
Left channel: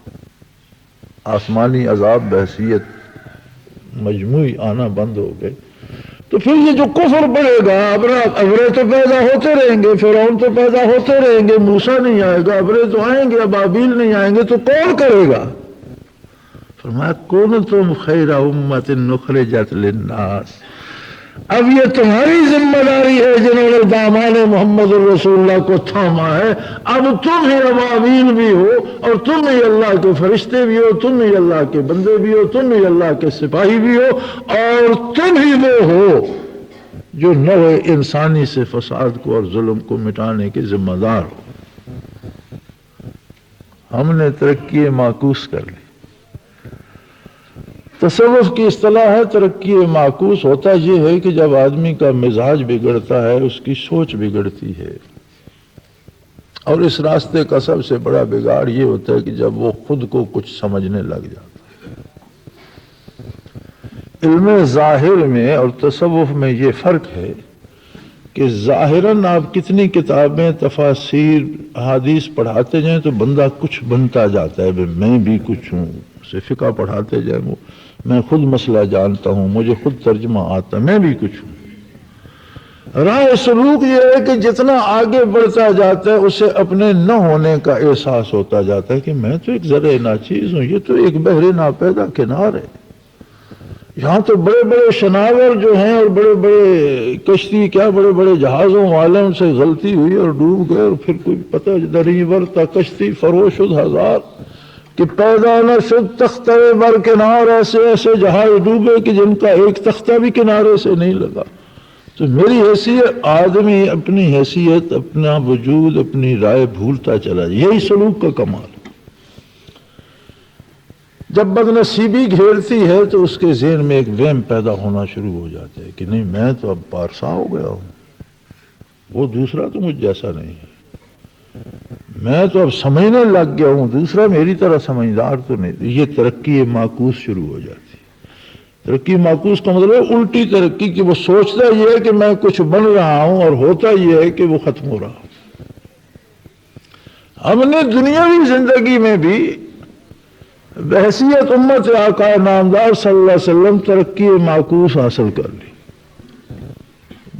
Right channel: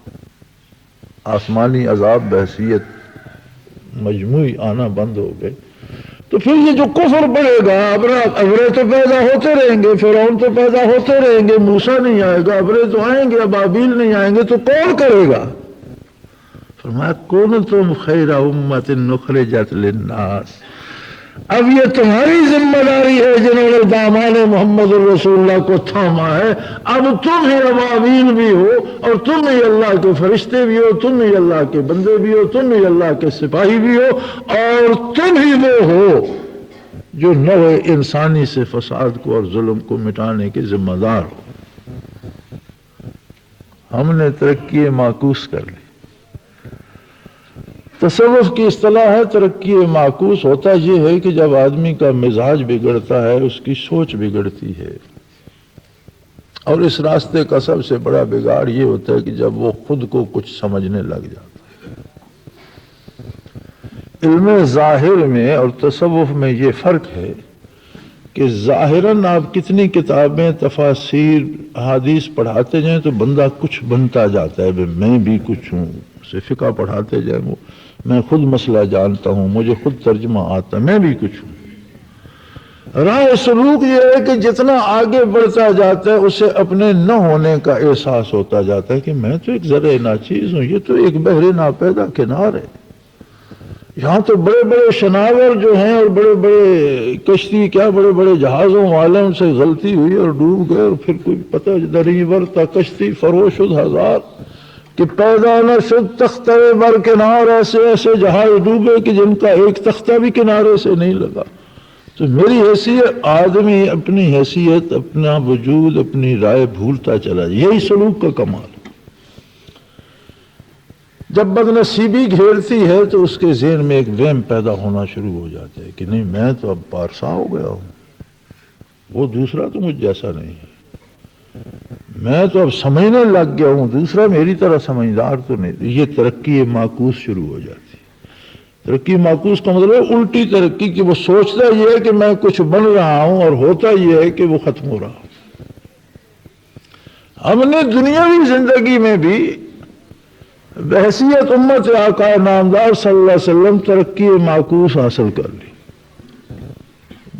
آسمانی عذاب بحیثیت مجموعی آنا بند ہو گئے، تو پھر یہ جو کفر بڑھے گا، ابرے تو پیدا ہوتے رہیں گے، فرعون تو پیدا ہوتے رہیں گے، موسیٰ نہیں آئے گا، ابرے تو آئیں گے، ابابیل نہیں آئیں گے، تو کون کرے گا؟ فرمایا کنتم خیر امت اخرجت للناس۔ اب یہ تمہاری ذمہ داری ہے جنہوں نے دامان محمد الرسول اللہ کو تھاما ہے۔ اب تم ہی ابابیل بھی ہو، اور تم ہی اللہ کے فرشتے بھی ہو، تم ہی اللہ کے بندے بھی ہو، تم ہی اللہ کے سپاہی بھی ہو، اور تم ہی وہ ہو جو نوع انسانی سے فساد کو اور ظلم کو مٹانے کے ذمہ دار ہو۔ ہم نے ترقی معکوس کر لی۔ تصوف کی اصطلاح ہے ترقی معکوس۔ ہوتا یہ ہے کہ جب آدمی کا مزاج بگڑتا ہے، اس کی سوچ بگڑتی ہے، اور اس راستے کا سب سے بڑا بگاڑ یہ ہوتا ہے کہ جب وہ خود کو کچھ سمجھنے لگ جاتا ہے۔ علم ظاہر میں اور تصوف میں یہ فرق ہے کہ ظاہراً آپ کتنی کتابیں، تفاسیر، احادیث پڑھاتے جائیں تو بندہ کچھ بنتا جاتا ہے، میں بھی کچھ ہوں، سے فقہ پڑھاتے جائیں، میں خود مسئلہ جانتا ہوں، مجھے خود ترجمہ آتا، میں بھی کچھ ہوں۔ راہ سلوک یہ ہے کہ جتنا آگے بڑھتا جاتا ہے اسے اپنے نہ ہونے کا احساس ہوتا جاتا ہے کہ میں تو ایک ذرے ناچیز ہوں، یہ تو ایک بحر ناپیدا کنار ہے۔ یہاں تو بڑے بڑے شناور جو ہیں اور بڑے بڑے کشتی، کیا بڑے بڑے جہازوں والے، ان سے غلطی ہوئی اور ڈوب گئے، اور پھر کوئی پتہ دری برتا کشتی فروش شد ہزار کہ پیدا نہ شد تختہ بر کنار، ایسے ایسے جہاز ڈوبے کہ جن کا ایک تختہ بھی کنارے سے نہیں لگا۔ تو میری حیثیت، آدمی اپنی حیثیت، اپنا وجود، اپنی رائے بھولتا چلا جائے، یہی سلوک کا کمال ہے۔ جب بدنصیبی گھیرتی ہے تو اس کے ذہن میں ایک وہم پیدا ہونا شروع ہو جاتا ہے کہ نہیں، میں تو اب پارسا ہو گیا ہوں، وہ دوسرا تو مجھ جیسا نہیں ہے، میں تو اب سمجھنے لگ گیا ہوں، دوسرا میری طرح سمجھدار تو نہیں۔ یہ ترقی معکوس شروع ہو جاتی ہے۔ ترقی معکوس کا مطلب ہے الٹی ترقی، کہ وہ سوچتا یہ ہے کہ میں کچھ بن رہا ہوں، اور ہوتا یہ ہے کہ وہ ختم ہو رہا ہوں۔ ہم نے دنیاوی زندگی میں بھی بحیثیت امت آقا نامدار صلی اللہ علیہ وسلم ترقی معکوس حاصل کر لی۔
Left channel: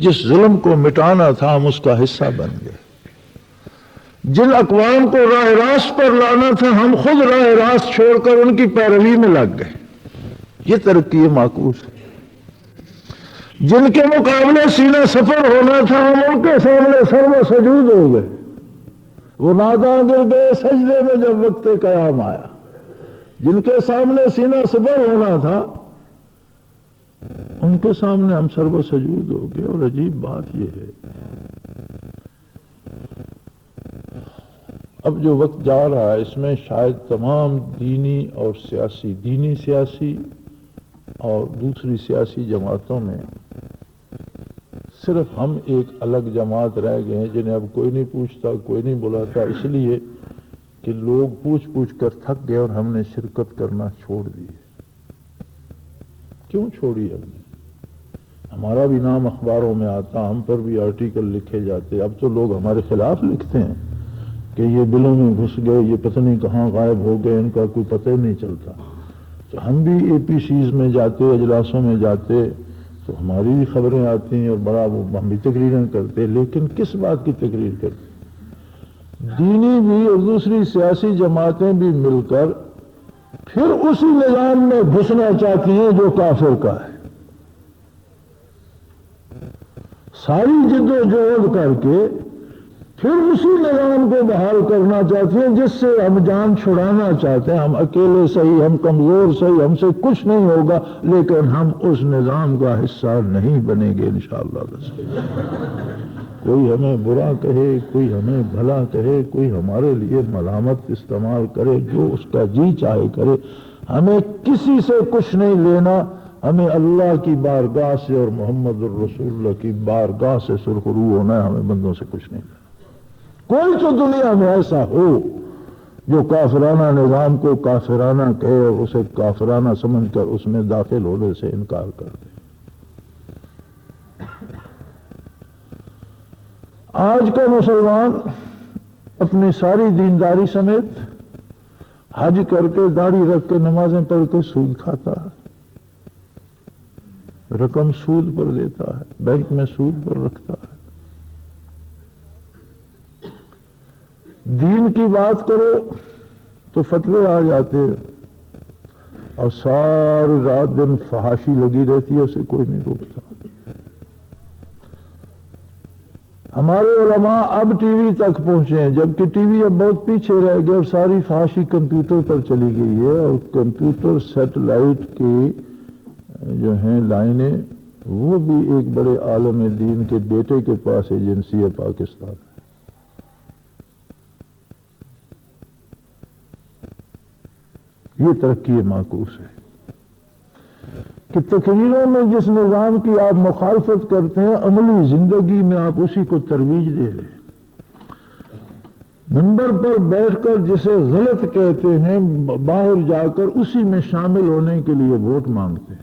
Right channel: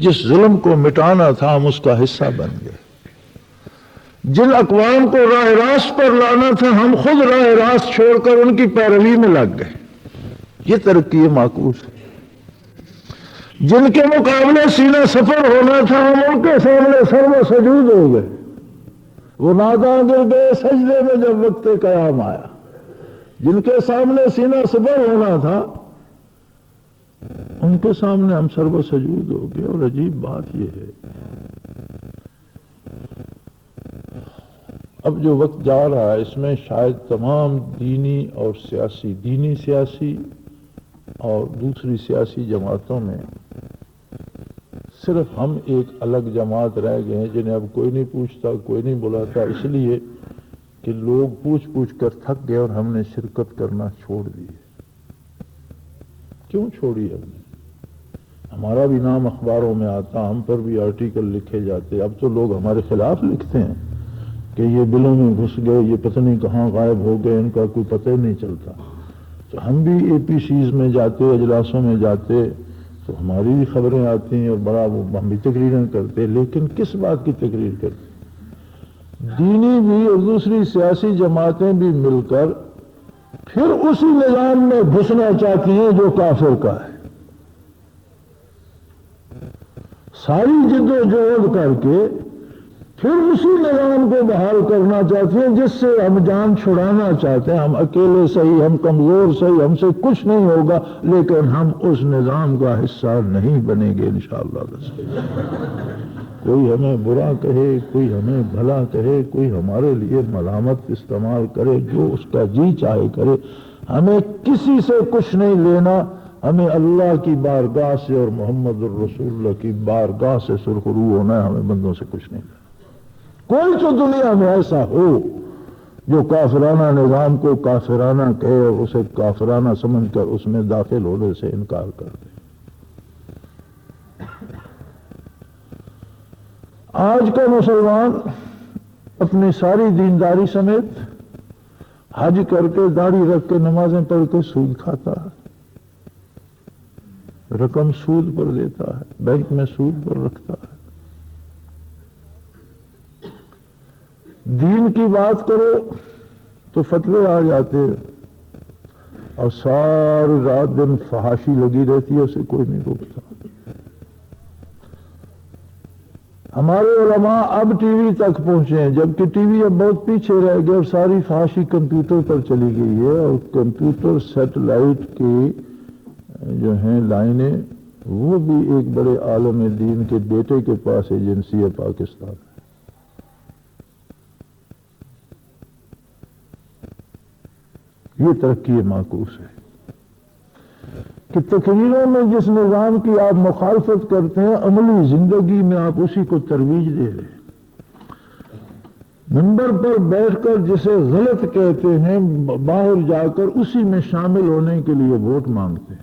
جس ظلم کو مٹانا تھا ہم اس کا حصہ بن گئے، جن اقوام کو راہ راست پر لانا تھا ہم خود راہ راست چھوڑ کر ان کی پیروی میں لگ گئے۔ یہ ترقی معکوس ہے۔ جن کے مقابلے سینہ سفر ہونا تھا ہم ان کے سامنے سرو سجود ہو گئے۔ وہ ناداں گر گئے سجدے میں جب وقت قیام آیا۔ جن کے سامنے سینہ سفر ہونا تھا ان کے سامنے ہم سرو سجود ہو گئے۔ اور عجیب بات یہ ہے، اب جو وقت جا رہا ہے اس میں شاید تمام دینی اور سیاسی اور دوسری سیاسی جماعتوں میں صرف ہم ایک الگ جماعت رہ گئے ہیں جنہیں اب کوئی نہیں پوچھتا، کوئی نہیں بلاتا، اس لیے کہ لوگ پوچھ کر تھک گئے اور ہم نے شرکت کرنا چھوڑ دی۔ کیوں چھوڑی ہمارا بھی نام اخباروں میں آتا ہے، ہم پر بھی آرٹیکل لکھے جاتے ہیں، اب تو لوگ ہمارے خلاف لکھتے ہیں کہ یہ دلوں میں گھس گئے، یہ پتہ نہیں کہاں غائب ہو گئے، ان کا کوئی پتہ ہی نہیں چلتا۔ تو ہم بھی اے پی سیز میں جاتے، اجلاسوں میں جاتے تو ہماری بھی خبریں آتی ہیں اور بڑا وہ ہم بھی تقریریں کرتے، لیکن کس بات کی تقریر کرتے؟ دینی بھی اور دوسری سیاسی جماعتیں بھی مل کر پھر اسی نظام میں گھسنا چاہتی ہیں جو کافر کا ہے، ساری جدوجہد کر کے پھر اسی نظام کو بحال کرنا چاہتے ہیں جس سے ہم جان چھڑانا چاہتے ہیں۔ ہم اکیلے صحیح، ہم کمزور صحیح، ہم سے کچھ نہیں ہوگا، لیکن ہم اس نظام کا حصہ نہیں بنیں گے انشاءاللہ۔ بس کوئی ہمیں برا کہے، کوئی ہمیں بھلا کہے، کوئی ہمارے لیے ملامت استعمال کرے، جو اس کا جی چاہے کرے، ہمیں کسی سے کچھ نہیں لینا۔ ہمیں اللہ کی بارگاہ سے اور محمد الرسول اللہ کی بارگاہ سے سرخرو ہونا ہے، ہمیں بندوں سے کچھ نہیں۔ کوئی تو دنیا میں ایسا ہو جو کافرانہ نظام کو کافرانہ کہو، اسے کافرانہ سمجھ کر اس میں داخل ہونے سے انکار کرے۔ آج کا مسلمان اپنی ساری دینداری سمیت حج کر کے، گاڑی رکھ کے، نمازیں پڑھ کے سود کھاتا ہے، رقم سود پر دیتا ہے، بینک میں سود پر رکھتا ہے۔ دین کی بات کرے تو فتوے آ جاتے ہیں اور ساری رات دن فحاشی لگی رہتی ہے، اسے کوئی نہیں روکتا۔ ہمارے علماء اب ٹی وی تک پہنچے ہیں، جبکہ ٹی وی اب بہت پیچھے رہ گیا، ساری فحاشی کمپیوٹر پر چلی گئی ہے، اور کمپیوٹر سیٹلائٹ کی جو ہیں لائنیں، وہ بھی ایک بڑے عالم دین کے بیٹے کے پاس ایجنسی ہے پاکستان۔ یہ ترقی معکوس ہے کہ تقریروں میں جس نظام کی آپ مخالفت کرتے ہیں، عملی زندگی میں آپ اسی کو ترویج دے رہے ہیں۔ منبر پر بیٹھ کر جسے غلط کہتے ہیں، باہر جا کر اسی میں شامل ہونے کے لیے ووٹ مانگتے ہیں۔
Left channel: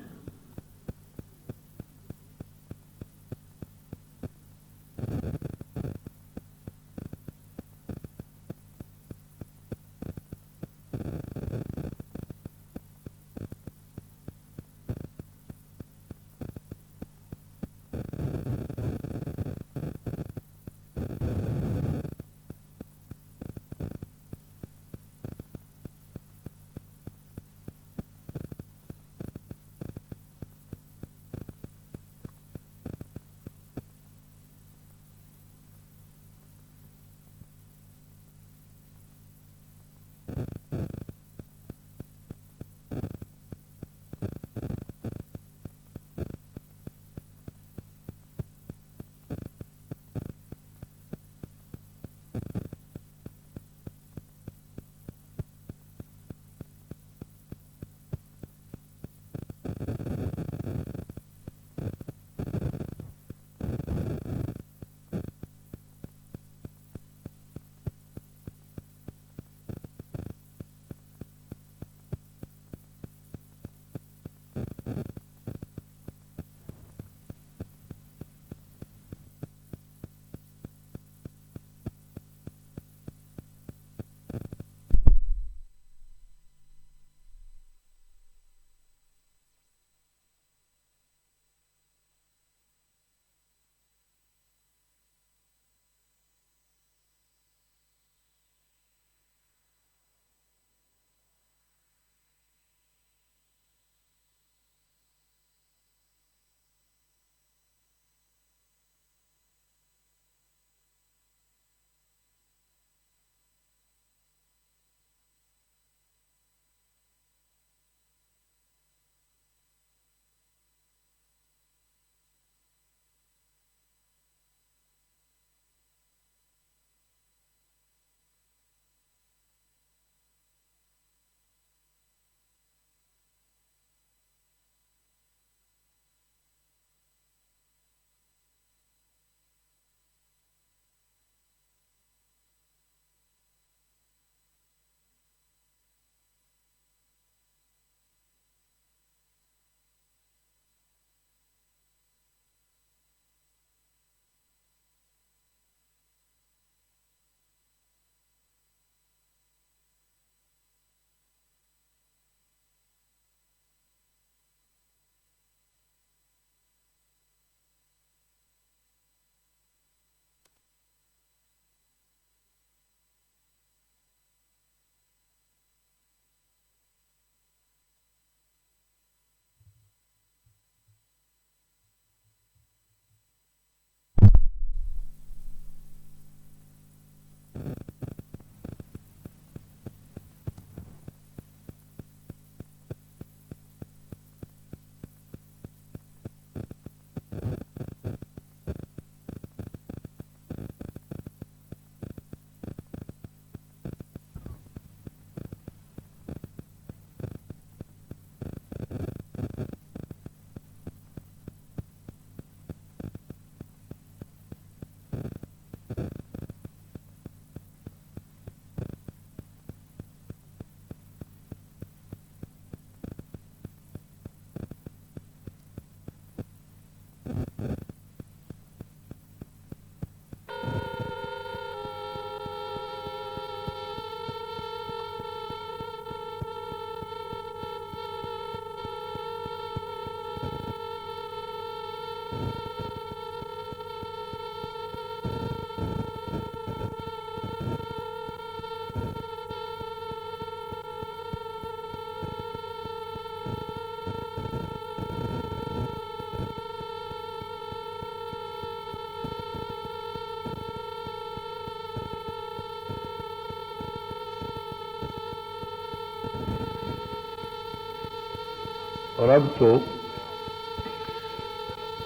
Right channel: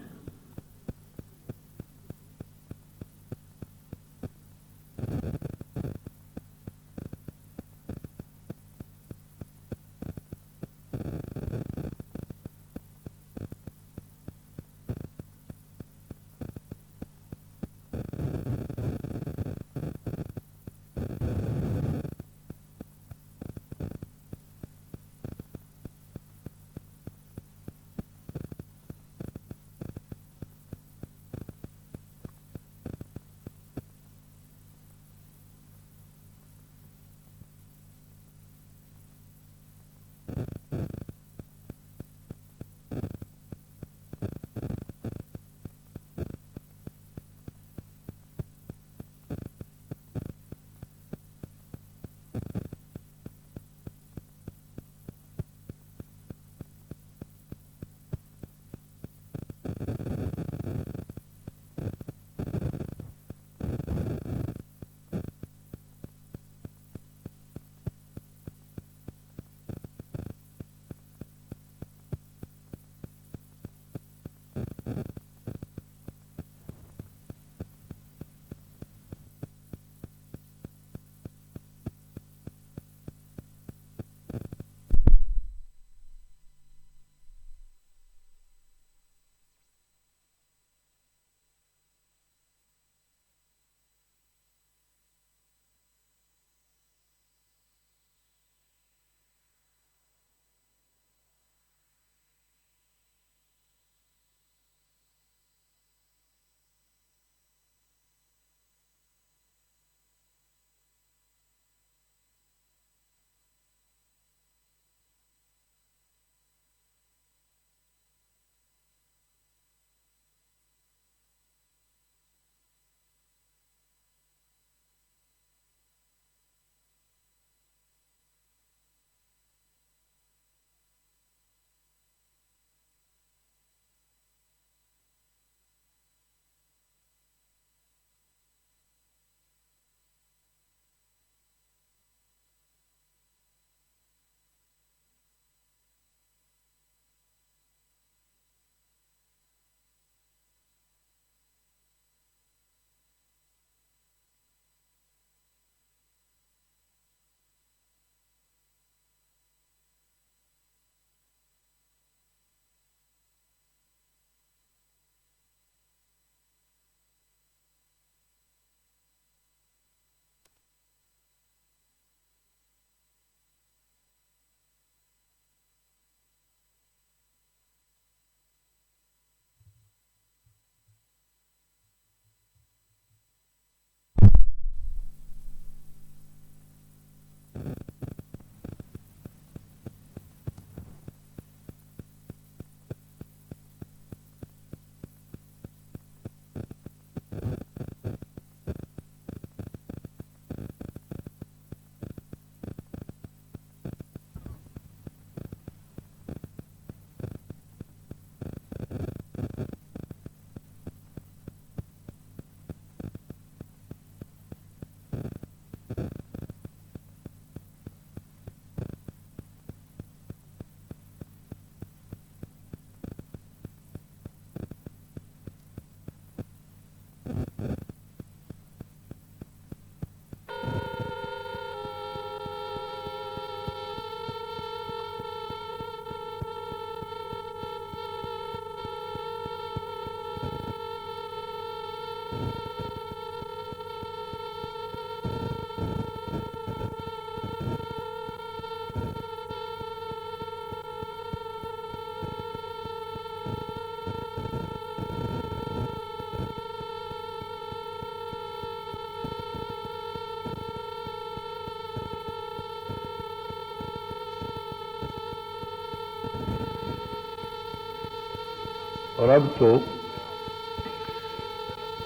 اور اب تو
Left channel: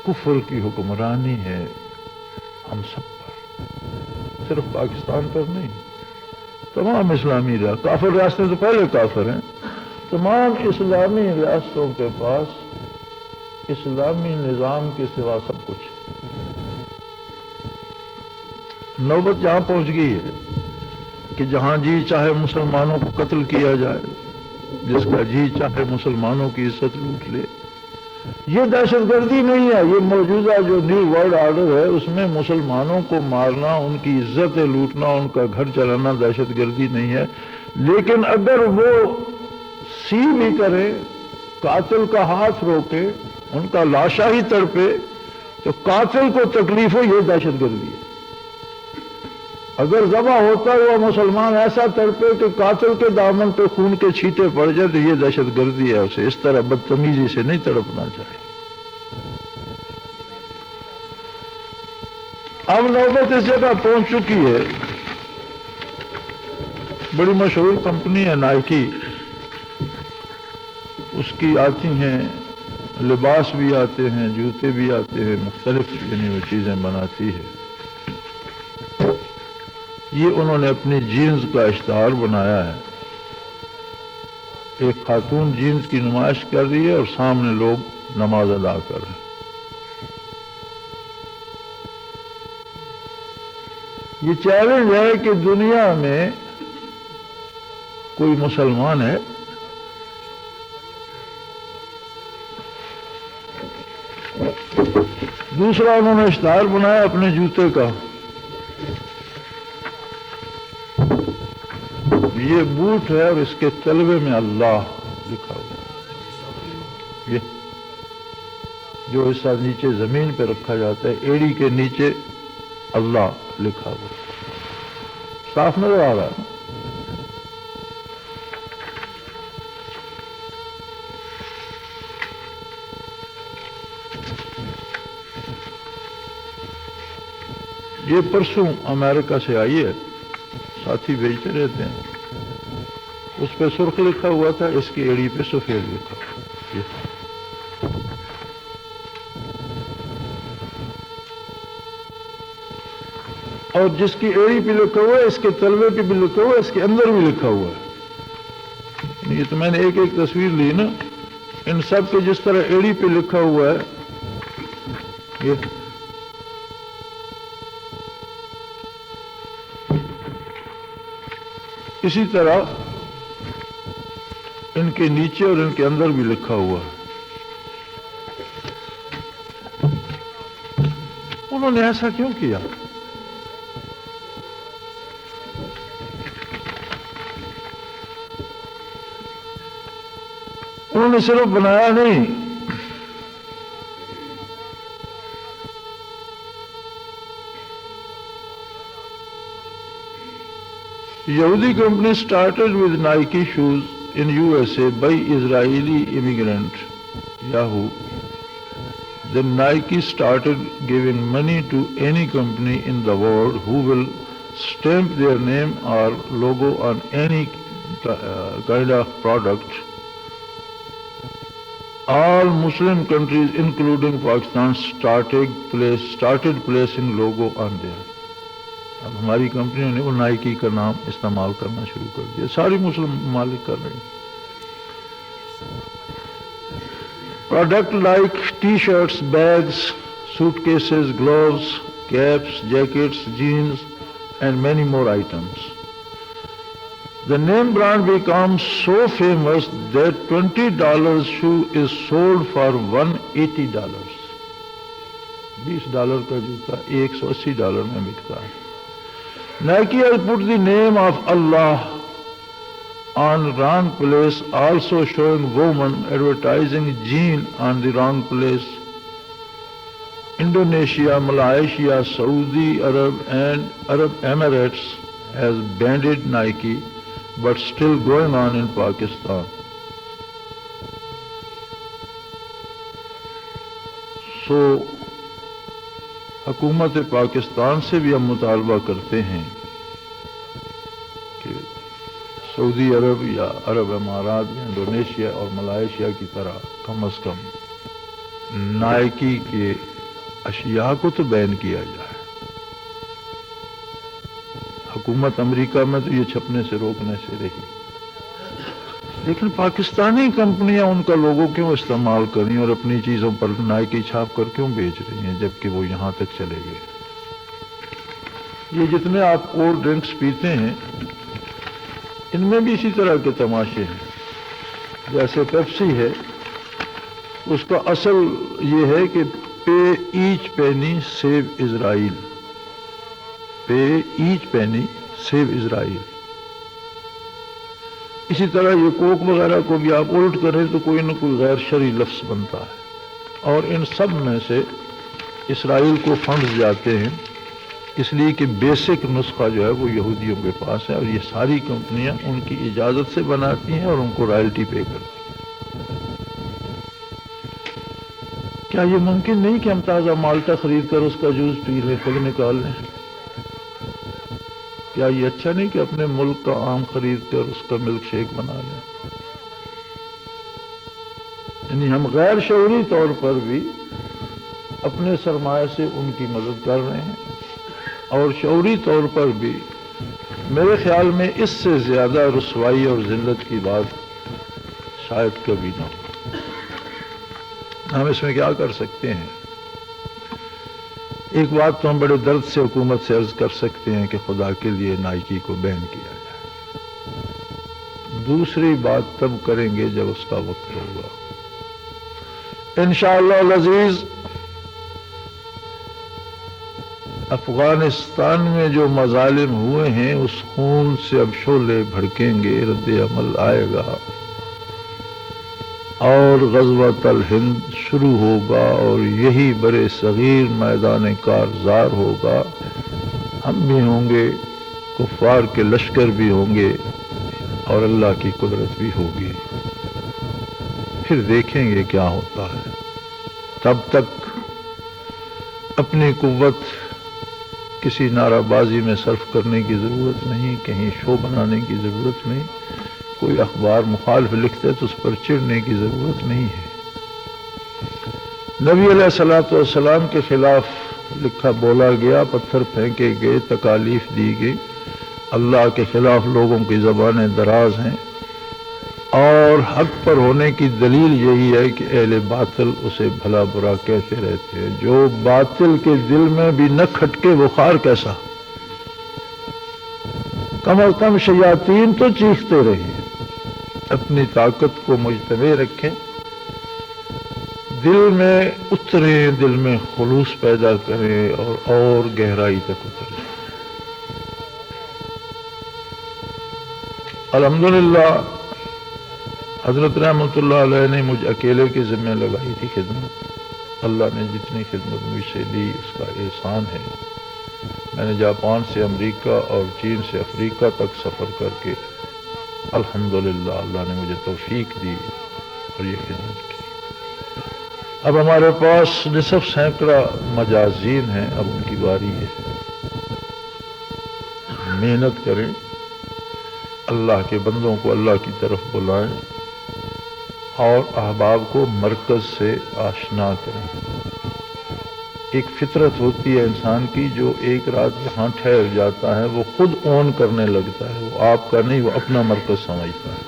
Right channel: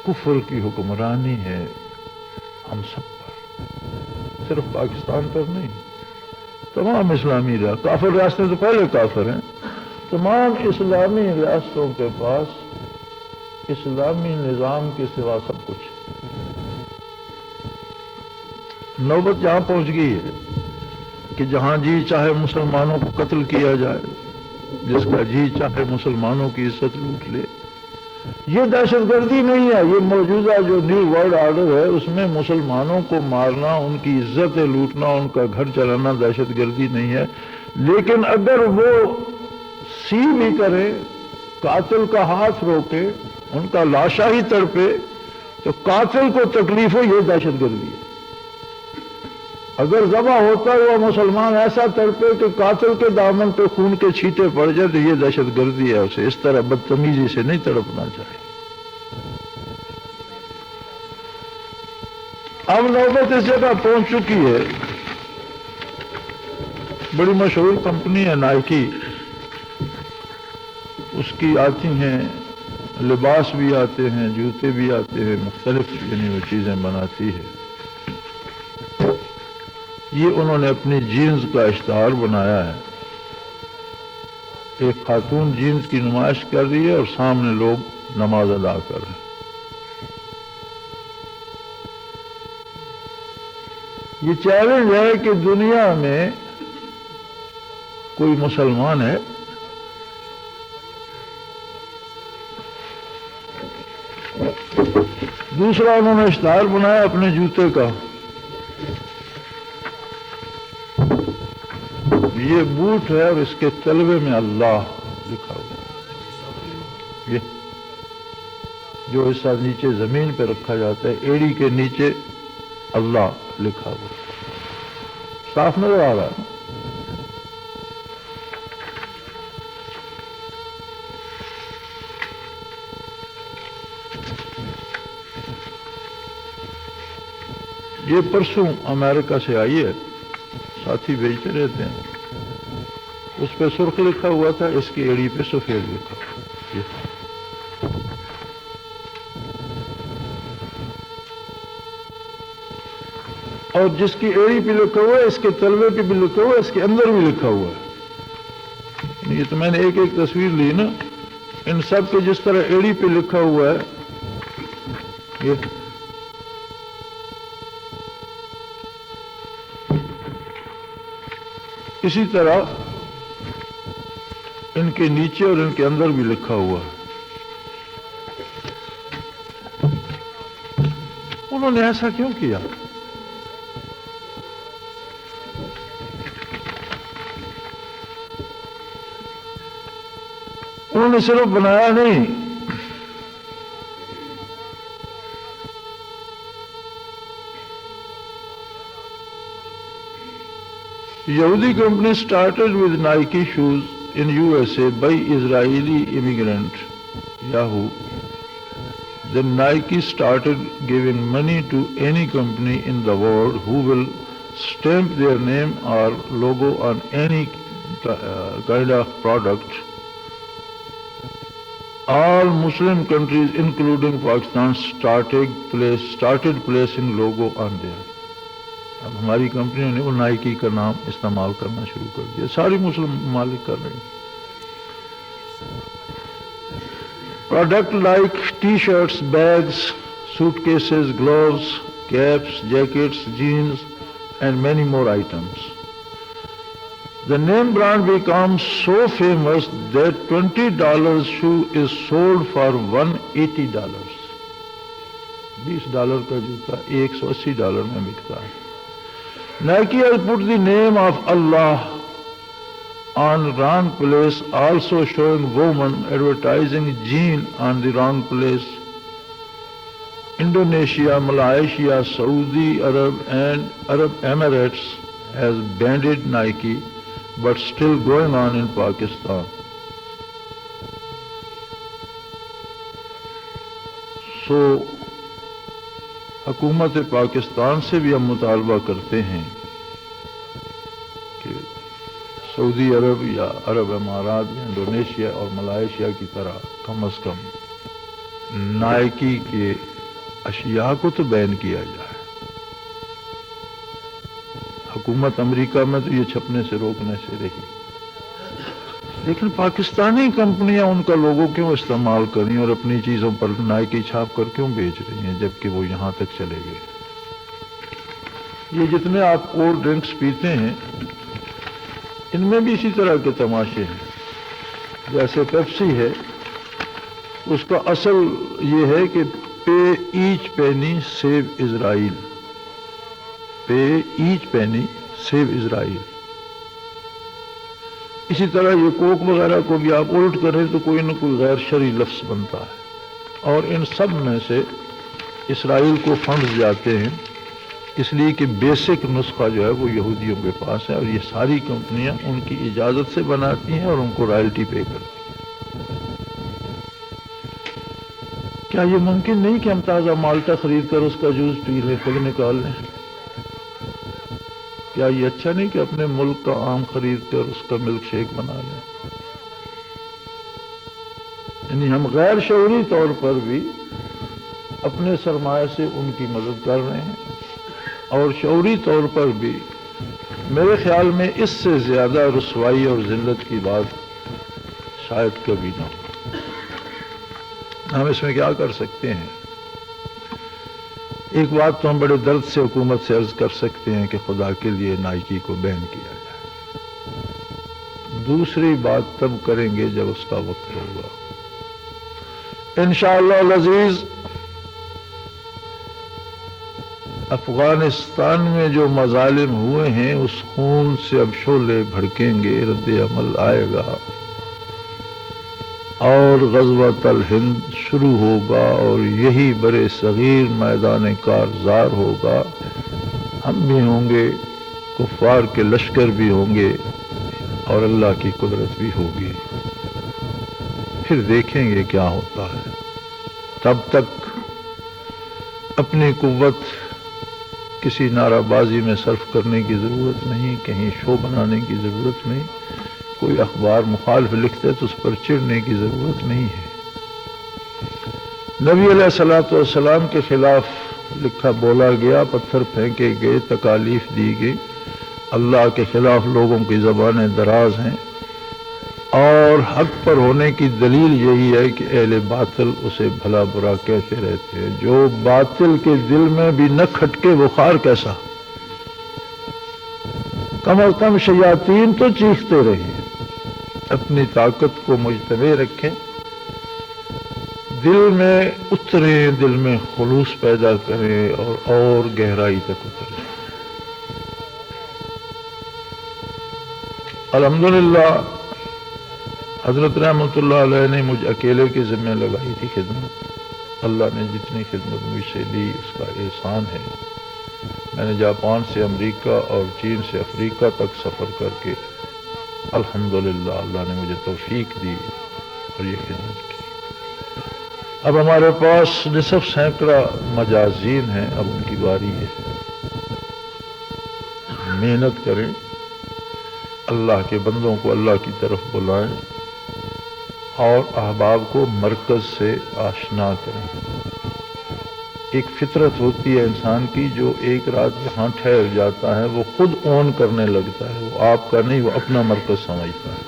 کفر کی حکمرانی ہے ہم سب پر، صرف پاکستان پر نہیں، تمام اسلامی ریاست، کافر ریاستیں تو پہلے کافر ہیں، تمام اسلامی ریاستوں کے پاس اسلامی نظام کے سوا سب کچھ۔ نوبت یہاں پہنچ گئی ہے کہ جہاں جی چاہے مسلمانوں کو قتل کیا جائے، جس کا جی چاہے مسلمانوں کی عزت لوٹ لے۔ یہ دہشت گردی نہیں ہے، یہ موجودہ جو نیو ورلڈ آرڈر ہے اس میں مسلمانوں کو مارنا، ان کی عزتیں لوٹنا، ان کا گھر چلانا دہشت گردی نہیں ہے۔ لیکن اگر وہ سو بھی کرے، قاتل کا ہاتھ روکے، ان کا لاشا ہی تڑپے، تو قاتل کو تکلیف ہو، یہ دہشت گردی ہے۔ اگر ذبح ہوتا ہوا مسلمان ایسا تڑپے کہ قاتل کے دامن پہ خون کے چھینٹے پڑ جائے تو یہ دہشت گردی ہے، اسے اس طرح بدتمیزی سے نہیں تڑپنا چاہیے۔ اب نوبت اس جگہ پہنچ چکی ہے، بڑی مشہور کمپنی ہے نائکی، اس کی آتی ہیں لباس بھی آتے ہیں، جوتے بھی آتے ہیں، مختلف یعنی وہ چیزیں بناتی ہے۔ یہ انہوں نے اپنی جینز کا اشتہار بنایا ہے، ایک خاتون جینز کی نمائش کر رہی ہے اور سامنے لوگ نماز ادا کر رہے ہیں۔ یہ چیلنج ہے کہ دنیا میں کوئی مسلمان ہے دوسرا انہوں نے اشتہار بنایا اپنے جوتے کا، یہ بوٹ ہے اور اس کے تلوے میں اللہ لکھا ہوا ہے۔ یہ جو حصہ نیچے زمین پہ رکھا جاتا ہے، ایڑی کے نیچے اللہ لکھا ہوا ہے، صاف نظر آ رہا ہے۔ یہ پرسوں امریکہ سے آئی ہے، ساتھی بھیجتے رہتے ہیں، اس پہ سرخ لکھا ہوا تھا، اس کی ایڑی پہ سفید لکھا ہوا ہے۔ اور جس کی ایڑی پہ لکھا ہوا ہے، اس کے تلوے پہ بھی لکھا ہوا ہے، اس کے اندر بھی لکھا ہوا ہے۔ یہ تو میں نے ایک ایک تصویر لی نا، ان سب کے جس طرح ایڑی پہ لکھا ہوا ہے، یہ اسی طرح ان کے نیچے اور ان کے اندر بھی لکھا ہوا ہے۔ انہوں نے ایسا کیوں کیا؟ انہوں نے صرف بنایا نہیں، یہودی company started with Nike shoes in USA by Israeli immigrant Yahoo. Then Nike started giving money to any company in the world who will stamp their name or logo on any kind of product. All Muslim countries including Pakistan started placing logo on there. اب ہماری کمپنیوں نے وہ Nike کا نام استعمال کرنا شروع کر دیا، ساری مسلم ممالک کر رہے ہیں۔ Product like T shirts, bags, suitcases, gloves, caps, jackets, jeans and many more items. The name brand becomes so famous that $20 shoe is sold for $180۔ $20 کا جوتا $180 میں بکتا ہے۔ Nike has put the name of Allah on wrong place, also showing women advertising jean on the wrong place. Indonesia, Malaysia, Saudi Arab and Arab Emirates has banned Nike, but still going on in Pakistan. So حکومت پاکستان سے بھی ہم مطالبہ کرتے ہیں کہ سعودی عرب یا عرب امارات، انڈونیشیا اور ملائیشیا کی طرح باقی کے اشیاء کو تو بین کیا گیا. حکومت امریکہ میں تو یہ چھپنے سے روکنے چاہے، لیکن پاکستانی کمپنیاں ان کا لوگو کیوں استعمال کریں اور اپنی چیزوں پر نائکی چھاپ کر کیوں بیچ رہی ہیں جبکہ وہ یہاں تک چلے گئے. یہ جتنے آپ کولڈ ڈرنکس پیتے ہیں ان میں بھی اسی طرح کے تماشے ہیں. جیسے پیپسی ہے، اس کا اصل یہ ہے کہ پے ایچ پینی سیو اسرائیل، پے ایچ پینی سیو اسرائیل. اسی طرح یہ کوک وغیرہ کو بھی آپ الٹ کریں تو کوئی نہ کوئی غیر شرعی لفظ بنتا ہے، اور ان سب میں سے اسرائیل کو فنڈز جاتے ہیں، اس لیے کہ بیسک نسخہ جو ہے وہ یہودیوں کے پاس ہے، اور یہ ساری کمپنیاں ان کی اجازت سے بناتی ہیں اور ان کو رائلٹی پے کرتی ہیں. کیا یہ ممکن نہیں کہ ہم تازہ مالٹا خرید کر اس کا جوس پی لیں، خود نکال لیں؟ کیا یہ اچھا نہیں کہ اپنے ملک کا آم خرید کر اس کا ملک شیک بنا لیں؟ یعنی ہم غیر شعوری طور پر بھی اپنے سرمایہ سے ان کی مدد کر رہے ہیں، اور شعوری طور پر بھی میرے خیال میں اس سے زیادہ رسوائی اور ذلت کی بات شاید کبھی نہ ہو. ہم اس میں کیا کر سکتے ہیں؟ ایک بات تو ہم بڑے درد سے حکومت سے عرض کر سکتے ہیں کہ خدا کے لیے نائکی کو بین کیا جائے. دوسری بات تب کریں گے جب اس کا وقت ہوگا انشاءاللہ العزیز. افغانستان میں جو مظالم ہوئے ہیں اس خون سے اب شعلے بھڑکیں گے، رد عمل آئے گا، اور غزوۃ الہند شروع ہوگا، اور یہی برے صغیر میدان کارزار ہوگا. ہم بھی ہوں گے، کفار کے لشکر بھی ہوں گے، اور اللہ کی قدرت بھی ہوگی. پھر دیکھیں گے کیا ہوتا ہے. تب تک اپنی قوت کسی نعرہ بازی میں صرف کرنے کی ضرورت نہیں، کہیں شو بنانے کی ضرورت نہیں، کوئی اخبار مخالف لکھتے تو اس پر چڑھنے کی ضرورت نہیں ہے. نبی علیہ الصلوۃ والسلام کے خلاف لکھا بولا گیا، پتھر پھینکے گئے، تکالیف دی گئی. اللہ کے خلاف لوگوں کی زبانیں دراز ہیں، اور حق پر ہونے کی دلیل یہی ہے کہ اہل باطل اسے بھلا برا کہتے رہتے ہیں. جو باطل کے دل میں بھی نہ کھٹکے وہ خار کیسا؟ کم از کم شیاطین تو چیختے رہے. اپنی طاقت کو مجتمع رکھیں، دل میں اتریں، دل میں خلوص پیدا کریں، اور گہرائی تک اتریں. الحمدللہ حضرت رحمۃ اللہ علیہ نے مجھ اکیلے کے ذمہ لگائی تھی خدمت. اللہ نے جتنی خدمت مجھ سے لی اس کا احسان ہے. میں نے جاپان سے امریکہ اور چین سے افریقہ تک سفر کر کے الحمدللہ اللہ نے مجھے توفیق دی اور یہ خدمت کی. اب ہمارے پاس نصف سینکڑا مجازین ہیں، اب ان کی باری ہے. محنت کریں، اللہ کے بندوں کو اللہ کی طرف بلائیں، اور احباب کو مرکز سے آشنا کریں. ایک فطرت ہوتی ہے انسان کی، جو ایک رات یہاں ٹھہر جاتا ہے وہ خود اون کرنے لگتا ہے، وہ آپ کا نہیں، وہ اپنا مرکز سمجھتا ہے.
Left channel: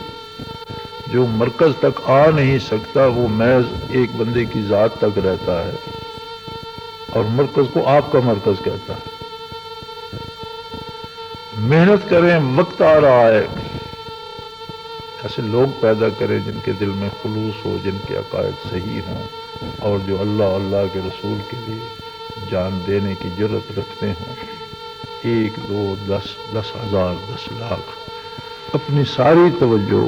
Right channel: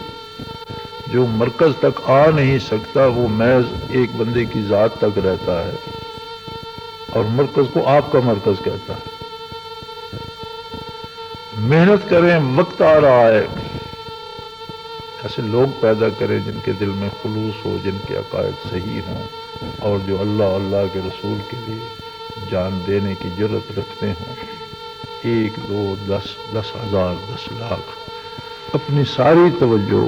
جو مرکز تک آ نہیں سکتا وہ محض ایک بندے کی ذات تک رہتا ہے، اور مرکز کو آپ کا مرکز کہتا ہے. محنت کریں، وقت آ رہا ہے. ایسے لوگ پیدا کریں جن کے دل میں خلوص ہو، جن کے عقائد صحیح ہوں، اور جو اللہ کے رسول کے لیے جان دینے کی جرت رکھتے ہوں. 1 2 10 10,000 10 لاکھ اپنی ساری توجہ.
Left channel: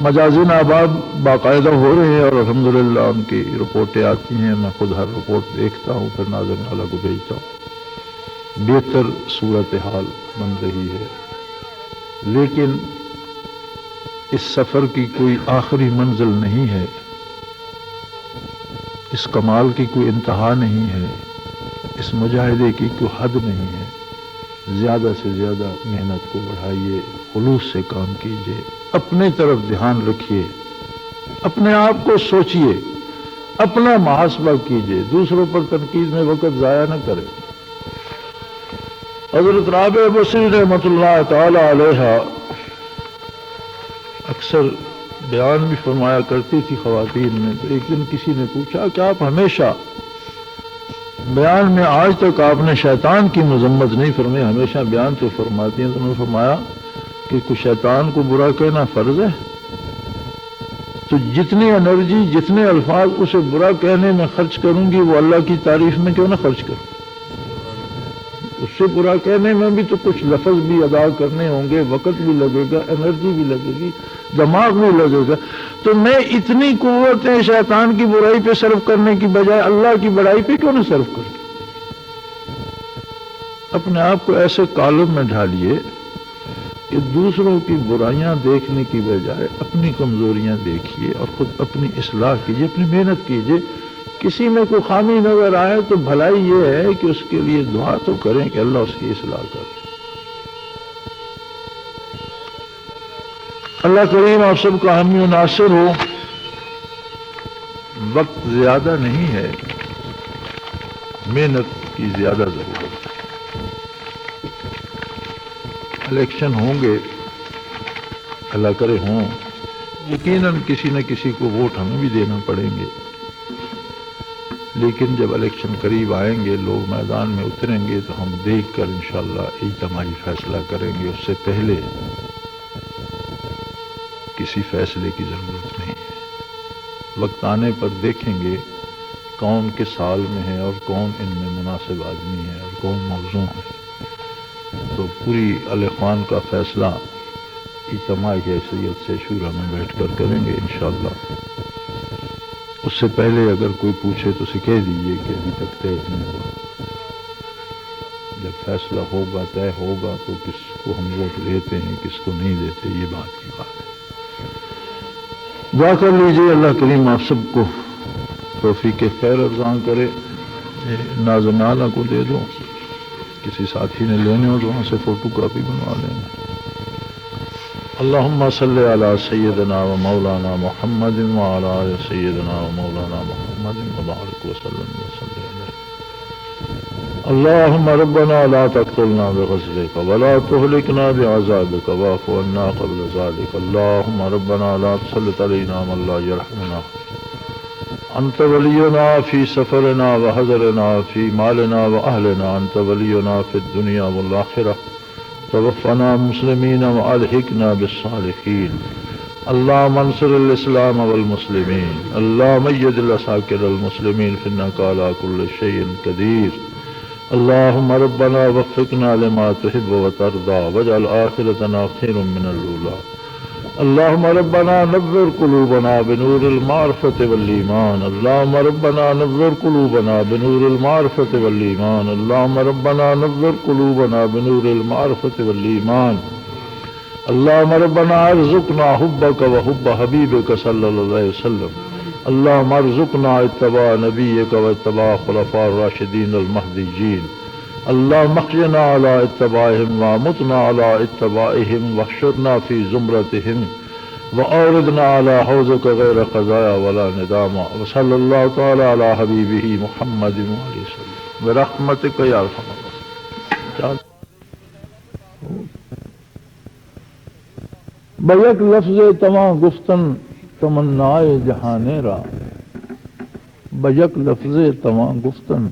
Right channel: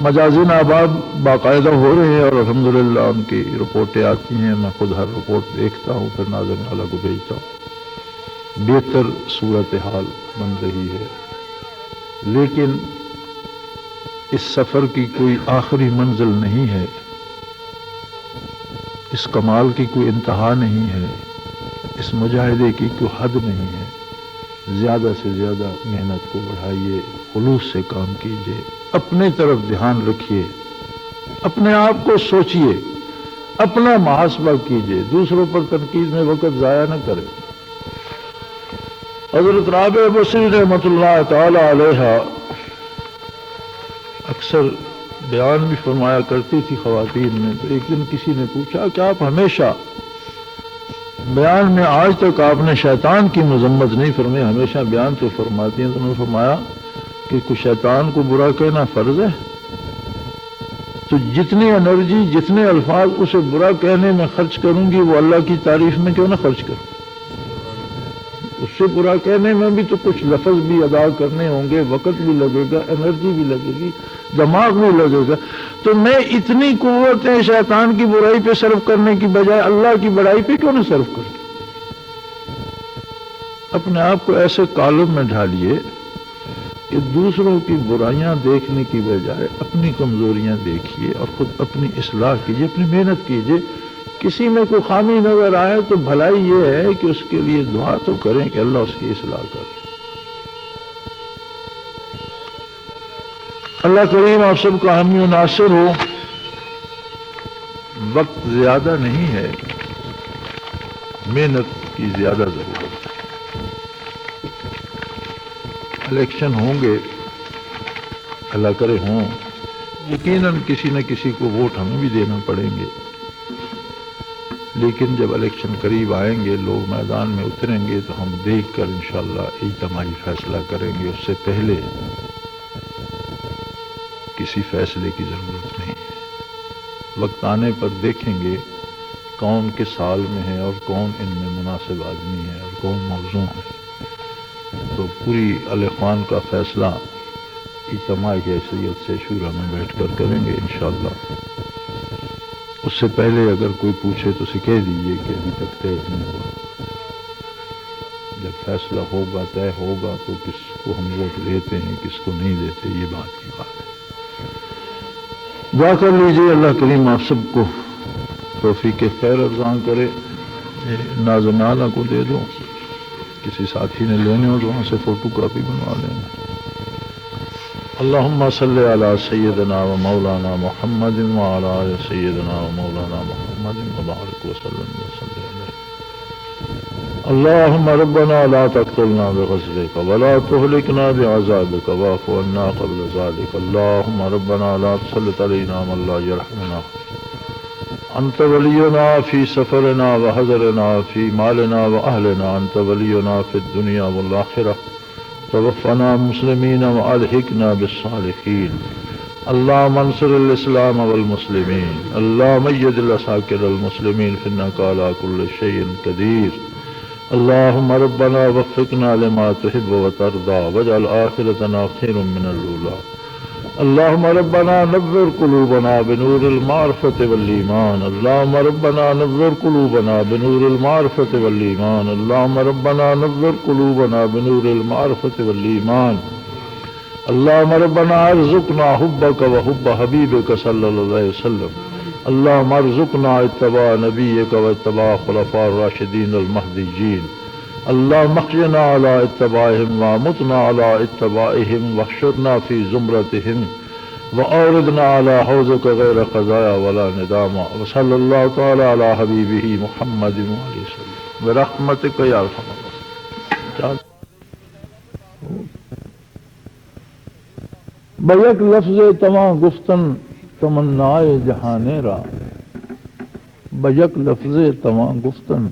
مجازین آباد باقاعدہ ہو رہے ہیں، اور الحمدللہ ان کی رپورٹیں آتی ہیں. میں خود ہر رپورٹ دیکھتا ہوں، پھر ناظرین اعلیٰ کو بھیجتا ہوں. بہتر صورتحال بن رہی ہے، لیکن اس سفر کی کوئی آخری منزل نہیں ہے، اس کمال کی کوئی انتہا نہیں ہے، اس مجاہدے کی کوئی حد نہیں ہے. زیادہ سے زیادہ محنت کو بڑھائیے، خلوص سے کام کیجیے، اپنے طرف دھیان رکھیے، اپنے آپ کو سوچیے. اپنا محاسبہ کیجئے، دوسروں پر تنقید میں وقت ضائع نہ کرے۔ حضرت رابعہ بصری رحمۃ اللہ تعالی علیہ اکثر بیان بھی فرمایا کرتی تھی خواتین میں، تو ایک دن کسی نے پوچھا کہ آپ ہمیشہ بیان میں آج تک آپ نے شیطان کی مذمت نہیں فرمائی، ہمیشہ بیان تو فرماتی ہیں، تو انہوں نے فرمایا کہ کچھ شیطان کو برا کہنا فرض ہے، تو جتنی انرجی جتنے الفاظ اسے برا کہنے میں خرچ کروں گی وہ اللہ کی تعریف میں کیوں نہ خرچ کروں؟ اس سے برا کہنے میں بھی تو کچھ لفظ بھی ادا کرنے ہوں گے، وقت بھی لگے گا، انرجی بھی لگے گی، دماغ بھی لگے گا، تو میں اتنی قوتیں شیطان کی برائی پہ صرف کرنے کی بجائے اللہ کی بڑائی پہ کیوں نہ صرف کروں؟ اپنے آپ کو ایسے کالم میں ڈھالیے کہ دوسروں کی برائیاں دیکھنے کی بجائے اپنی کمزوریاں دیکھیے اور خود اپنی اصلاح کیجیے، اپنی محنت کیجیے۔ کسی میں کوئی خامی نظر آئے تو بھلائی یہ ہے کہ اس کے لیے دعا تو کریں کہ اللہ اس کی اصلاح کرے۔ اللہ کریم آپ سب کا حامی و ناصر ہو۔ وقت زیادہ نہیں ہے، محنت کی زیادہ ضرورت ہے۔ الیکشن ہوں گے، اللہ کرے ہوں، یقیناً کسی نہ کسی کو ووٹ ہمیں بھی دینا پڑیں گے، لیکن جب الیکشن قریب آئیں گے، لوگ میدان میں اتریں گے تو ہم دیکھ کر انشاءاللہ اجتماعی فیصلہ کریں گے۔ اس سے پہلے کسی فیصلے کی ضرورت نہیں ہے۔ وقت آنے پر دیکھیں گے کون کس سال میں ہے اور کون ان میں مناسب آدمی ہے اور کون موضوع ہے، تو پوری الاخوان کا فیصلہ اجتماعی حیثیت سے شورا میں بیٹھ کر کریں گے انشاءاللہ۔ اس سے پہلے اگر کوئی پوچھے تو اسے کہہ دیجیے کہ ابھی تک طے نہیں ہے، جب فیصلہ ہوگا طے ہوگا تو کس کو ہم ووٹ دیتے ہیں کس کو نہیں دیتے، یہ بات کی بات ہے۔ دعا کر لیجیے اللہ کریم آپ سب کو توفیق خیر ارزاں کرے۔ ناظم اعلیٰ کو دے دو، کسی ساتھی نے لینی ہو تو وہاں سے فوٹو کاپی بنوا لینا۔ اللہم صلی علی سیدنا و مولانا محمد وعلی آل سیدنا و مولانا محمد وبارک وسلم وسلم علیہ۔ اللہم ربنا لا تقتلنا بغضبک ولا تہلکنا بعذابک واعف عنا قبل ذلک۔ اللہم ربنا لا تسلط علینا من لا یرحمنا، انت ولینا فی سفرنا وحضرنا فی مالنا واہلنا، انت ولینا فی الدنیا والآخرہ، توفنا مسلمین والحقنا بالصالحین۔ اللہم انصر الاسلام والمسلمین، اللہم اید العساکر المسلمین فإنک علی کل شیء قدیر۔ اللہم ربنا وفقنا لما تحب وترضى واجعل آخرتنا خیر من الأولى۔ اللہم ربنا نور قلوبنا بنور المعرفة والایمان، اللہم ربنا نور قلوبنا بنور المعرفة والایمان، اللہم ربنا نور قلوبنا بنور المعرفة والایمان، اللہم ربنا ارزقنا حبک وحب حبیبک صلی اللہ علیہ وسلم، اللہم ارزقنا اتباع نبیک واتباع خلفاء الراشدین المہدیین، اللہم احینا علی اتباعہم وامتنا علی اتباعہم واحشرنا فی زمرتہم وأوردنا على حوضك غير خزايا ولا ندامة، وصلى الله تعالى على حبيبه محمد وعلى وسلم برحمتك يا ارحم الراحمين۔ بیک لفظ تمام گفتن تمنائے جہانے را، بیک لفظ تمام گفتن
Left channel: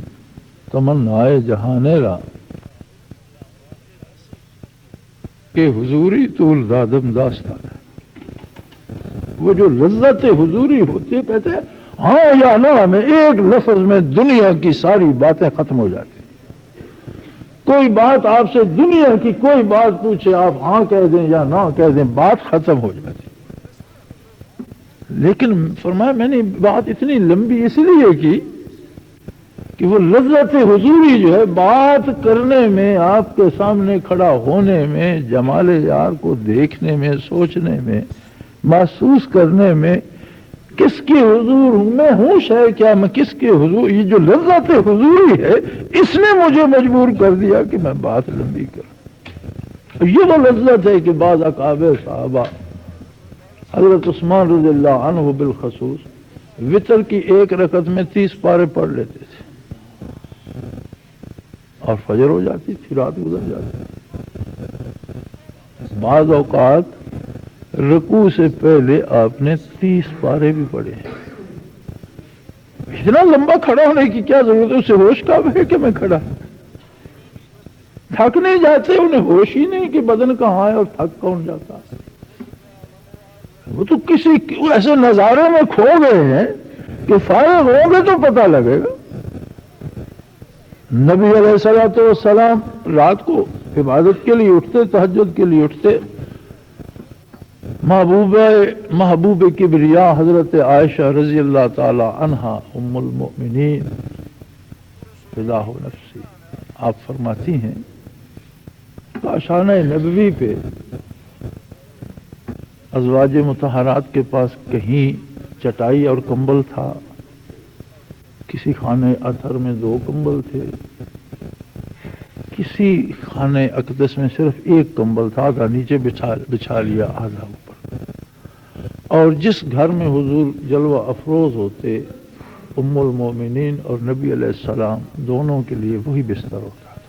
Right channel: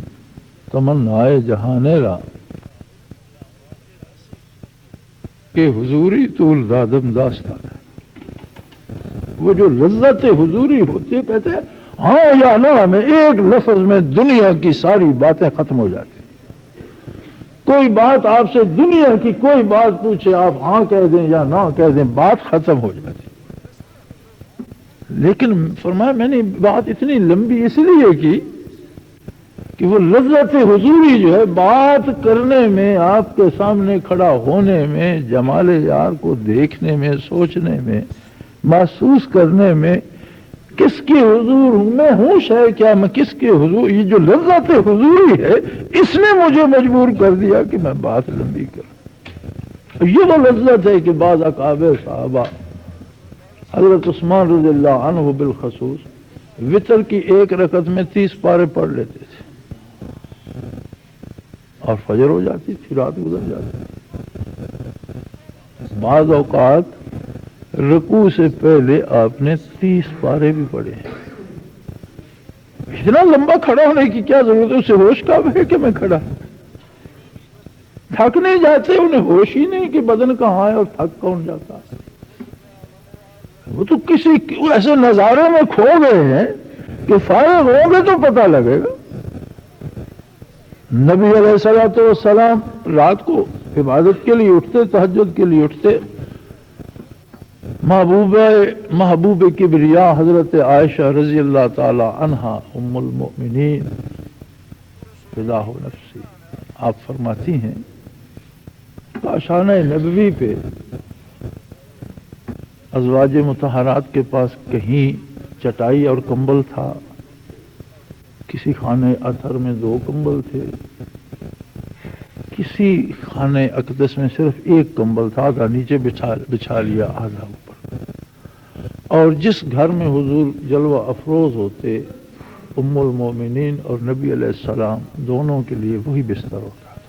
تمنائے جہانے را، کہ حضوری طول دادم داستان ہے۔ وہ جو لذت حضوری ہوتی ہے، کہتے ہیں ہاں یا نہ میں ایک لفظ میں دنیا کی ساری باتیں ختم ہو جاتی۔ کوئی بات آپ سے دنیا کی کوئی بات پوچھے، آپ ہاں کہہ دیں یا نہ کہہ دیں، بات ختم ہو جاتی۔ لیکن فرمایا میں نے بات اتنی لمبی اس لیے کی کہ وہ لذت حضوری جو ہے بات کرنے میں، آپ کے سامنے کھڑا ہونے میں، جمال یار کو دیکھنے میں، سوچنے میں، محسوس کرنے میں، کس کے حضور میں ہوں شاید کیا میں کس کے حضور، یہ جو لذت حضوری ہے اس نے مجھے مجبور کر دیا کہ میں بات لمبی کروں۔ یہ وہ لذت ہے کہ بعض اکابر صحابہ، حضرت عثمان رضی اللہ عنہ بالخصوص، وتر کی ایک رکعت میں 30 پارے پڑھ لیتے تھے اور فجر ہو جاتی تھی، رات گزر جاتی۔ بعض اوقات رکوع سے پہلے آپ نے 30 پارے بھی پڑھے۔ اتنا لمبا کھڑا ہونے کی کیا ضرورت ہے؟ اسے ہوش کب ہے کہ میں کھڑا؟ تھک نہیں جاتے؟ انہیں ہوش ہی نہیں کہ بدن کہاں ہے اور تھک پہنچ جاتا ہے۔ وہ تو کسی ایسے نظارے میں کھڑے ہوئے ہیں کہ فوراً ہوں گے تو پتہ لگے گا۔ نبی علیہ السلام رات کو عبادت کے لیے اٹھتے، تہجد کے لیے اٹھتے، محبوب کبریا حضرت عائشہ رضی اللہ تعالی عنہا ام المؤمنین رضا نفسی، آپ فرماتی ہیں آشانہ نبوی پہ ازواج مطہرات کے پاس کہیں چٹائی اور کمبل تھا، کسی خانہ اطہر میں 2 کمبل تھے، کسی خانہ اقدس میں صرف 1 کمبل تھا، آدھا نیچے بچھا لیا، آدھا اوپر۔ اور جس گھر میں حضور جلوہ افروز ہوتے، ام المومنین اور نبی علیہ السلام دونوں کے لیے وہی بستر ہوتا تھا۔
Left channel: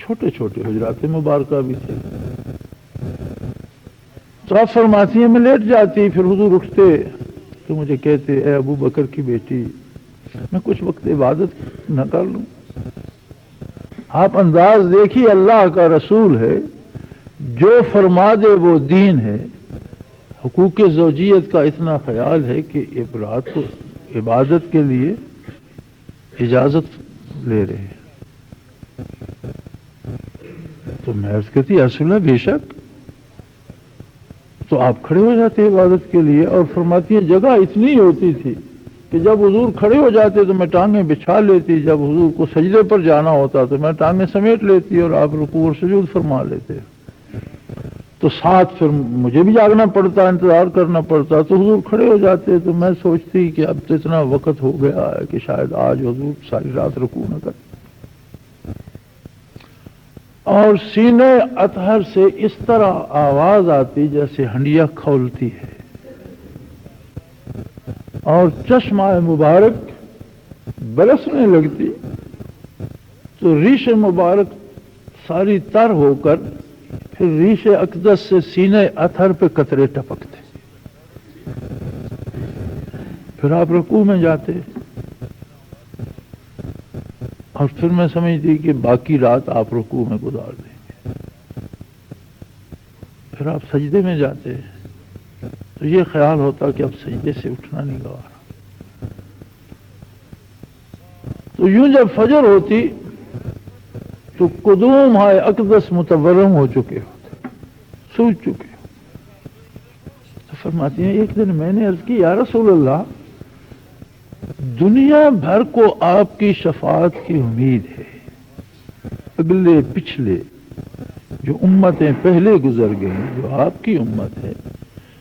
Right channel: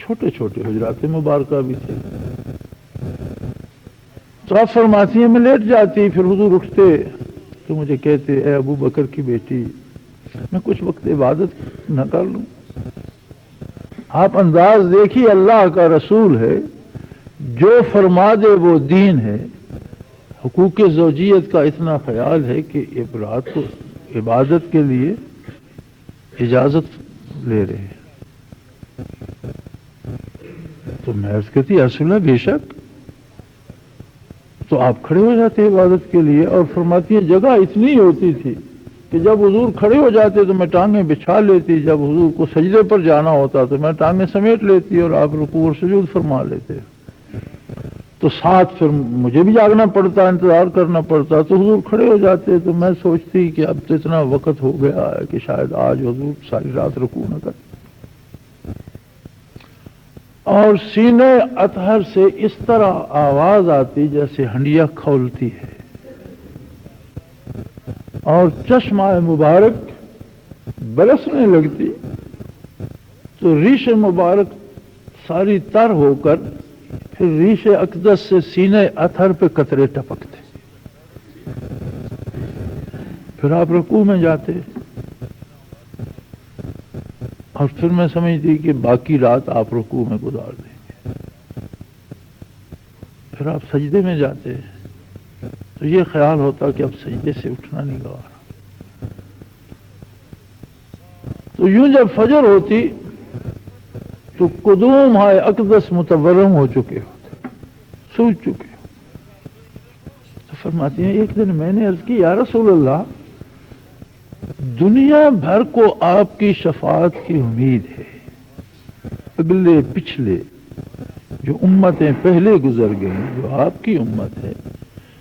چھوٹے چھوٹے حجرات مبارکہ بھی تھے۔ تو آپ فرماتی ہیں میں لیٹ جاتی، پھر حضور اٹھتے تو مجھے کہتے اے ابو بکر کی بیٹی میں کچھ وقت عبادت نہ کر لوں؟ آپ انداز دیکھیے، اللہ کا رسول ہے، جو فرما دے وہ دین ہے۔ حقوق زوجیت کا اتنا خیال ہے کہ رات کو عبادت کے لیے اجازت لے رہے ہیں تو محض کو تھی اصلہ بے شک، تو آپ کھڑے ہو جاتے عبادت کے لیے۔ اور فرماتی ہیں جگہ اتنی ہوتی تھی کہ جب حضور کھڑے ہو جاتے تو میں ٹانگیں بچھا لیتی، جب حضور کو سجدے پر جانا ہوتا تو میں ٹانگیں سمیٹ لیتی اور آپ رکوع اور سجود فرما لیتے۔ تو ساتھ پھر مجھے بھی جاگنا پڑتا، انتظار کرنا پڑتا، تو حضور کھڑے ہو جاتے تو میں سوچتی کہ اب تو اتنا وقت ہو گیا ہے کہ شاید آج حضور ساری رات رکوع نہ کریں۔ اور سینے اطہر سے اس طرح آواز آتی جیسے حمیت کھولتی ہے اور چشمہ مبارک برسنے لگتی، تو ریش مبارک ساری تر ہو کر پھر ریش اقدس سے سینے اطہر پہ قطرے ٹپکتے، پھر آپ رکوع میں جاتے اور پھر میں سمجھتی کہ باقی رات آپ رکوع میں گزار دیں، پھر آپ سجدے میں جاتے ہیں تو یہ خیال رہتا کہ اب سجدے سے اٹھنا نہیں رہا۔ تو یوں جب فجر ہوتی تو قدوم ہائے اقدس متورم ہو چکے ہوتے، سوچ چکے۔ تو فرماتی ہیں ایک دن میں نے عرض کی یا رسول اللہ، دنیا بھر کو آپ کی شفاعت کی امید ہے، اگلے پچھلے جو امتیں پہلے گزر گئیں جو آپ کی امت ہے،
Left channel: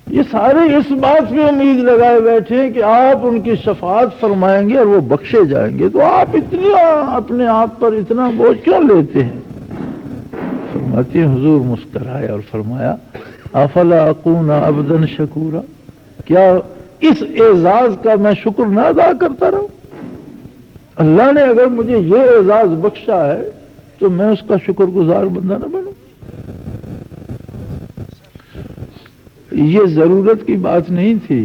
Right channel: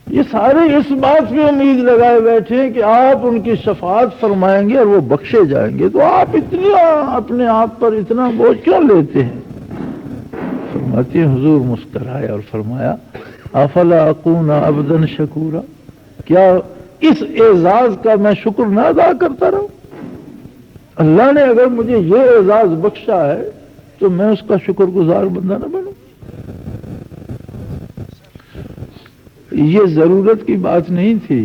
یہ سارے اس بات کی امید لگائے بیٹھے ہیں کہ آپ ان کی شفاعت فرمائیں گے اور وہ بخشے جائیں گے، تو آپ اتنا اپنے آپ پر اتنا بوجھ کیوں لیتے ہیں؟ فرماتے ہیں حضور مسکرائے اور فرمایا افلا اکون عبدا شکورا، کیا اس اعزاز کا میں شکر نہ ادا کرتا رہوں؟ اللہ نے اگر مجھے یہ اعزاز بخشا ہے تو میں اس کا شکر گزار بننا نہ بنوں۔ یہ ضرورت کی بات نہیں تھی،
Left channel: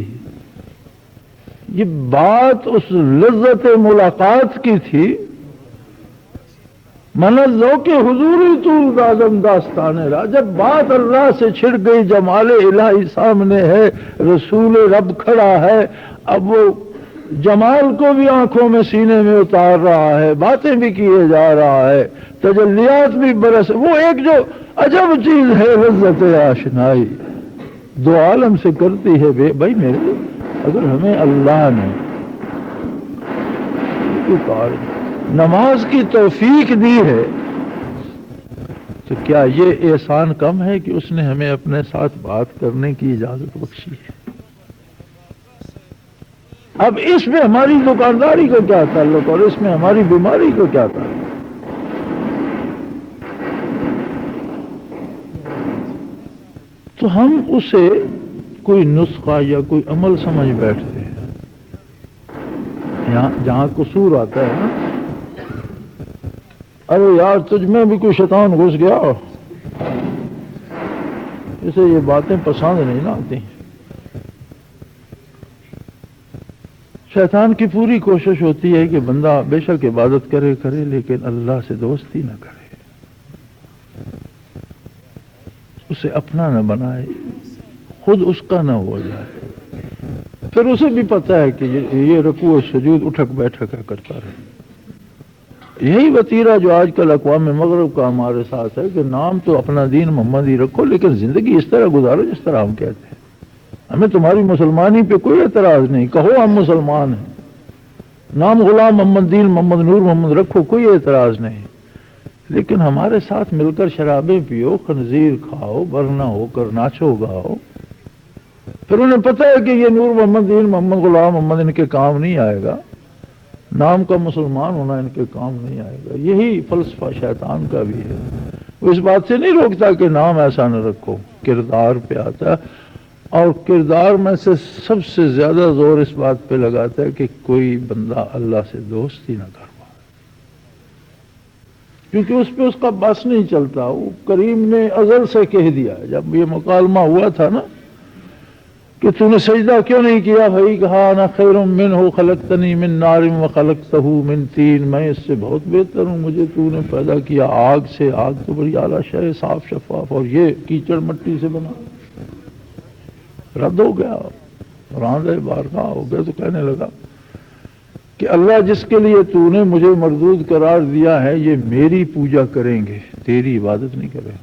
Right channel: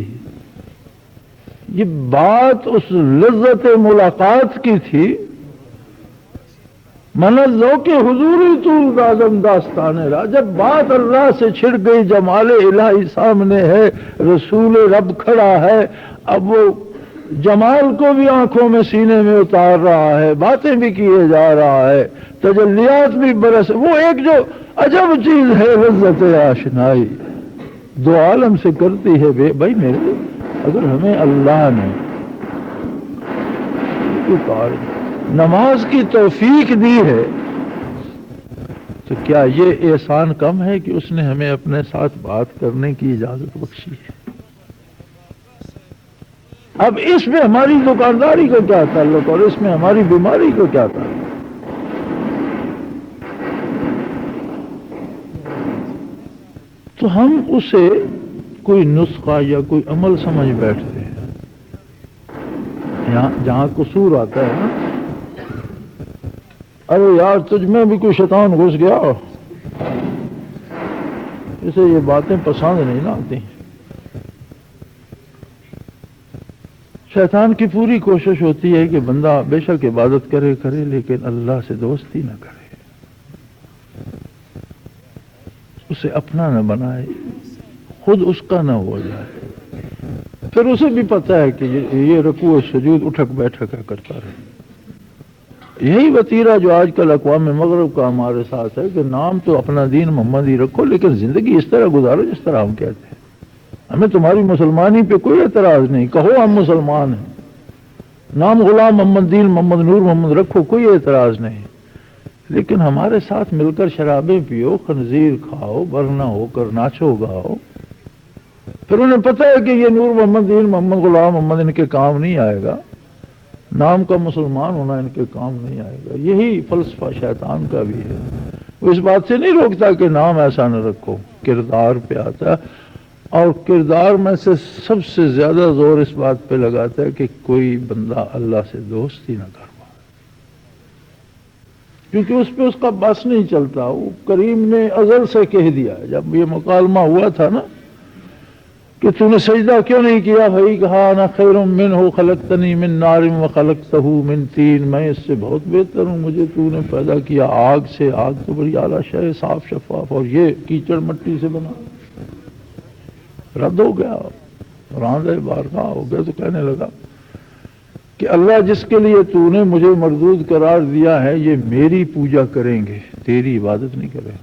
یہ بات اس لذت ملاقات کی تھی۔ منزو کے حضوری طول دازم داستان رہا، جب بات اللہ سے چھڑ گئی، جمال الہی سامنے ہے، رسول رب کھڑا ہے، اب وہ جمال کو بھی آنکھوں میں سینے میں اتار رہا ہے، باتیں بھی کیے جا رہا ہے، تجلیات بھی برس، وہ ایک جو عجب چیز ہے لذت آشنائی، دو عالم سے کرتی ہے بھی بھائی میرے اگر ہمیں اللہ نے نماز کی توفیق دی ہے تو کیا یہ احسان کم ہے کہ اس نے ہمیں اپنے ساتھ بات کرنے کی اجازت بخشی ہے؟ اب اس میں ہماری دکانداری کو کیا تعلق اور اس میں ہماری بیماری کو کیا تعلق؟ تو ہم اسے کوئی نسخہ یا کوئی عمل سمجھ بیٹھتے ہیں، جہاں قصور آتا ہے نا، اللہ تجھ میں بھی کوئی شیطان گھس گیا، اسے یہ باتیں پسند نہیں نہ آتی. شیطان کی پوری کوشش ہوتی ہے کہ بندہ بے شک عبادت کرے لیکن اللہ سے دوستی نہ کرے، اسے اپنا نہ بنائے، خود اس کا نہ ہو جائے. پھر اسے بھی پتا ہے کہ یہ رکوع و سجود اٹھک بیٹھک کرتا رہے. یہی وتیرہ جو آج کل اقوام مغرب کا ہمارے ساتھ ہے کہ نام تو اپنا دین محمد ہی رکھو لیکن زندگی اس طرح گزارو جس طرح ہم کہتے ہیں. ہمیں تمہاری مسلمانی پہ کوئی اعتراض نہیں، کہو ہم مسلمان ہیں، نام غلام محمد دین محمد نور محمد رکھو، کوئی اعتراض نہیں، لیکن ہمارے ساتھ مل کر شرابیں پیو، خنزیر کھاؤ، ورنہ ہو کر ناچو گاؤ. پھر انہیں پتہ ہے کہ یہ نور محمد دین محمد غلام محمد ان کے کام نہیں آئے گا، نام کا مسلمان ہونا ان کے کام نہیں آئے گا. یہی فلسفہ شیطان کا بھی ہے. وہ اس بات سے نہیں روکتا کہ نام ایسا نہ رکھو، کردار پہ آتا، اور کردار میں سے سب سے زیادہ زور اس بات پہ لگاتا ہے کہ کوئی بندہ اللہ سے دوستی نہ کرے، کیونکہ اس پہ اس کا بس نہیں چلتا. وہ کریم نے ازل سے کہہ دیا ہے، جب یہ مکالمہ ہوا تھا نا کہ تو نے سجدہ کیوں نہیں کیا، بھائی کہا انا خیر منہ خلقتنی من نار وخلقتہ من طین، میں اس سے بہت بہتر ہوں، مجھے تو نے پیدا کیا آگ سے، آگ تو بڑی اعلیٰ شے، صاف شفاف، اور یہ کیچڑ مٹی سے بنا. رد ہو گیا، راندے بارگاہ ہو گیا. تو کہنے لگا کہ اللہ جس کے لیے تو نے مجھے مردود قرار دیا ہے یہ میری پوجا کریں گے، تیری عبادت نہیں کریں گے.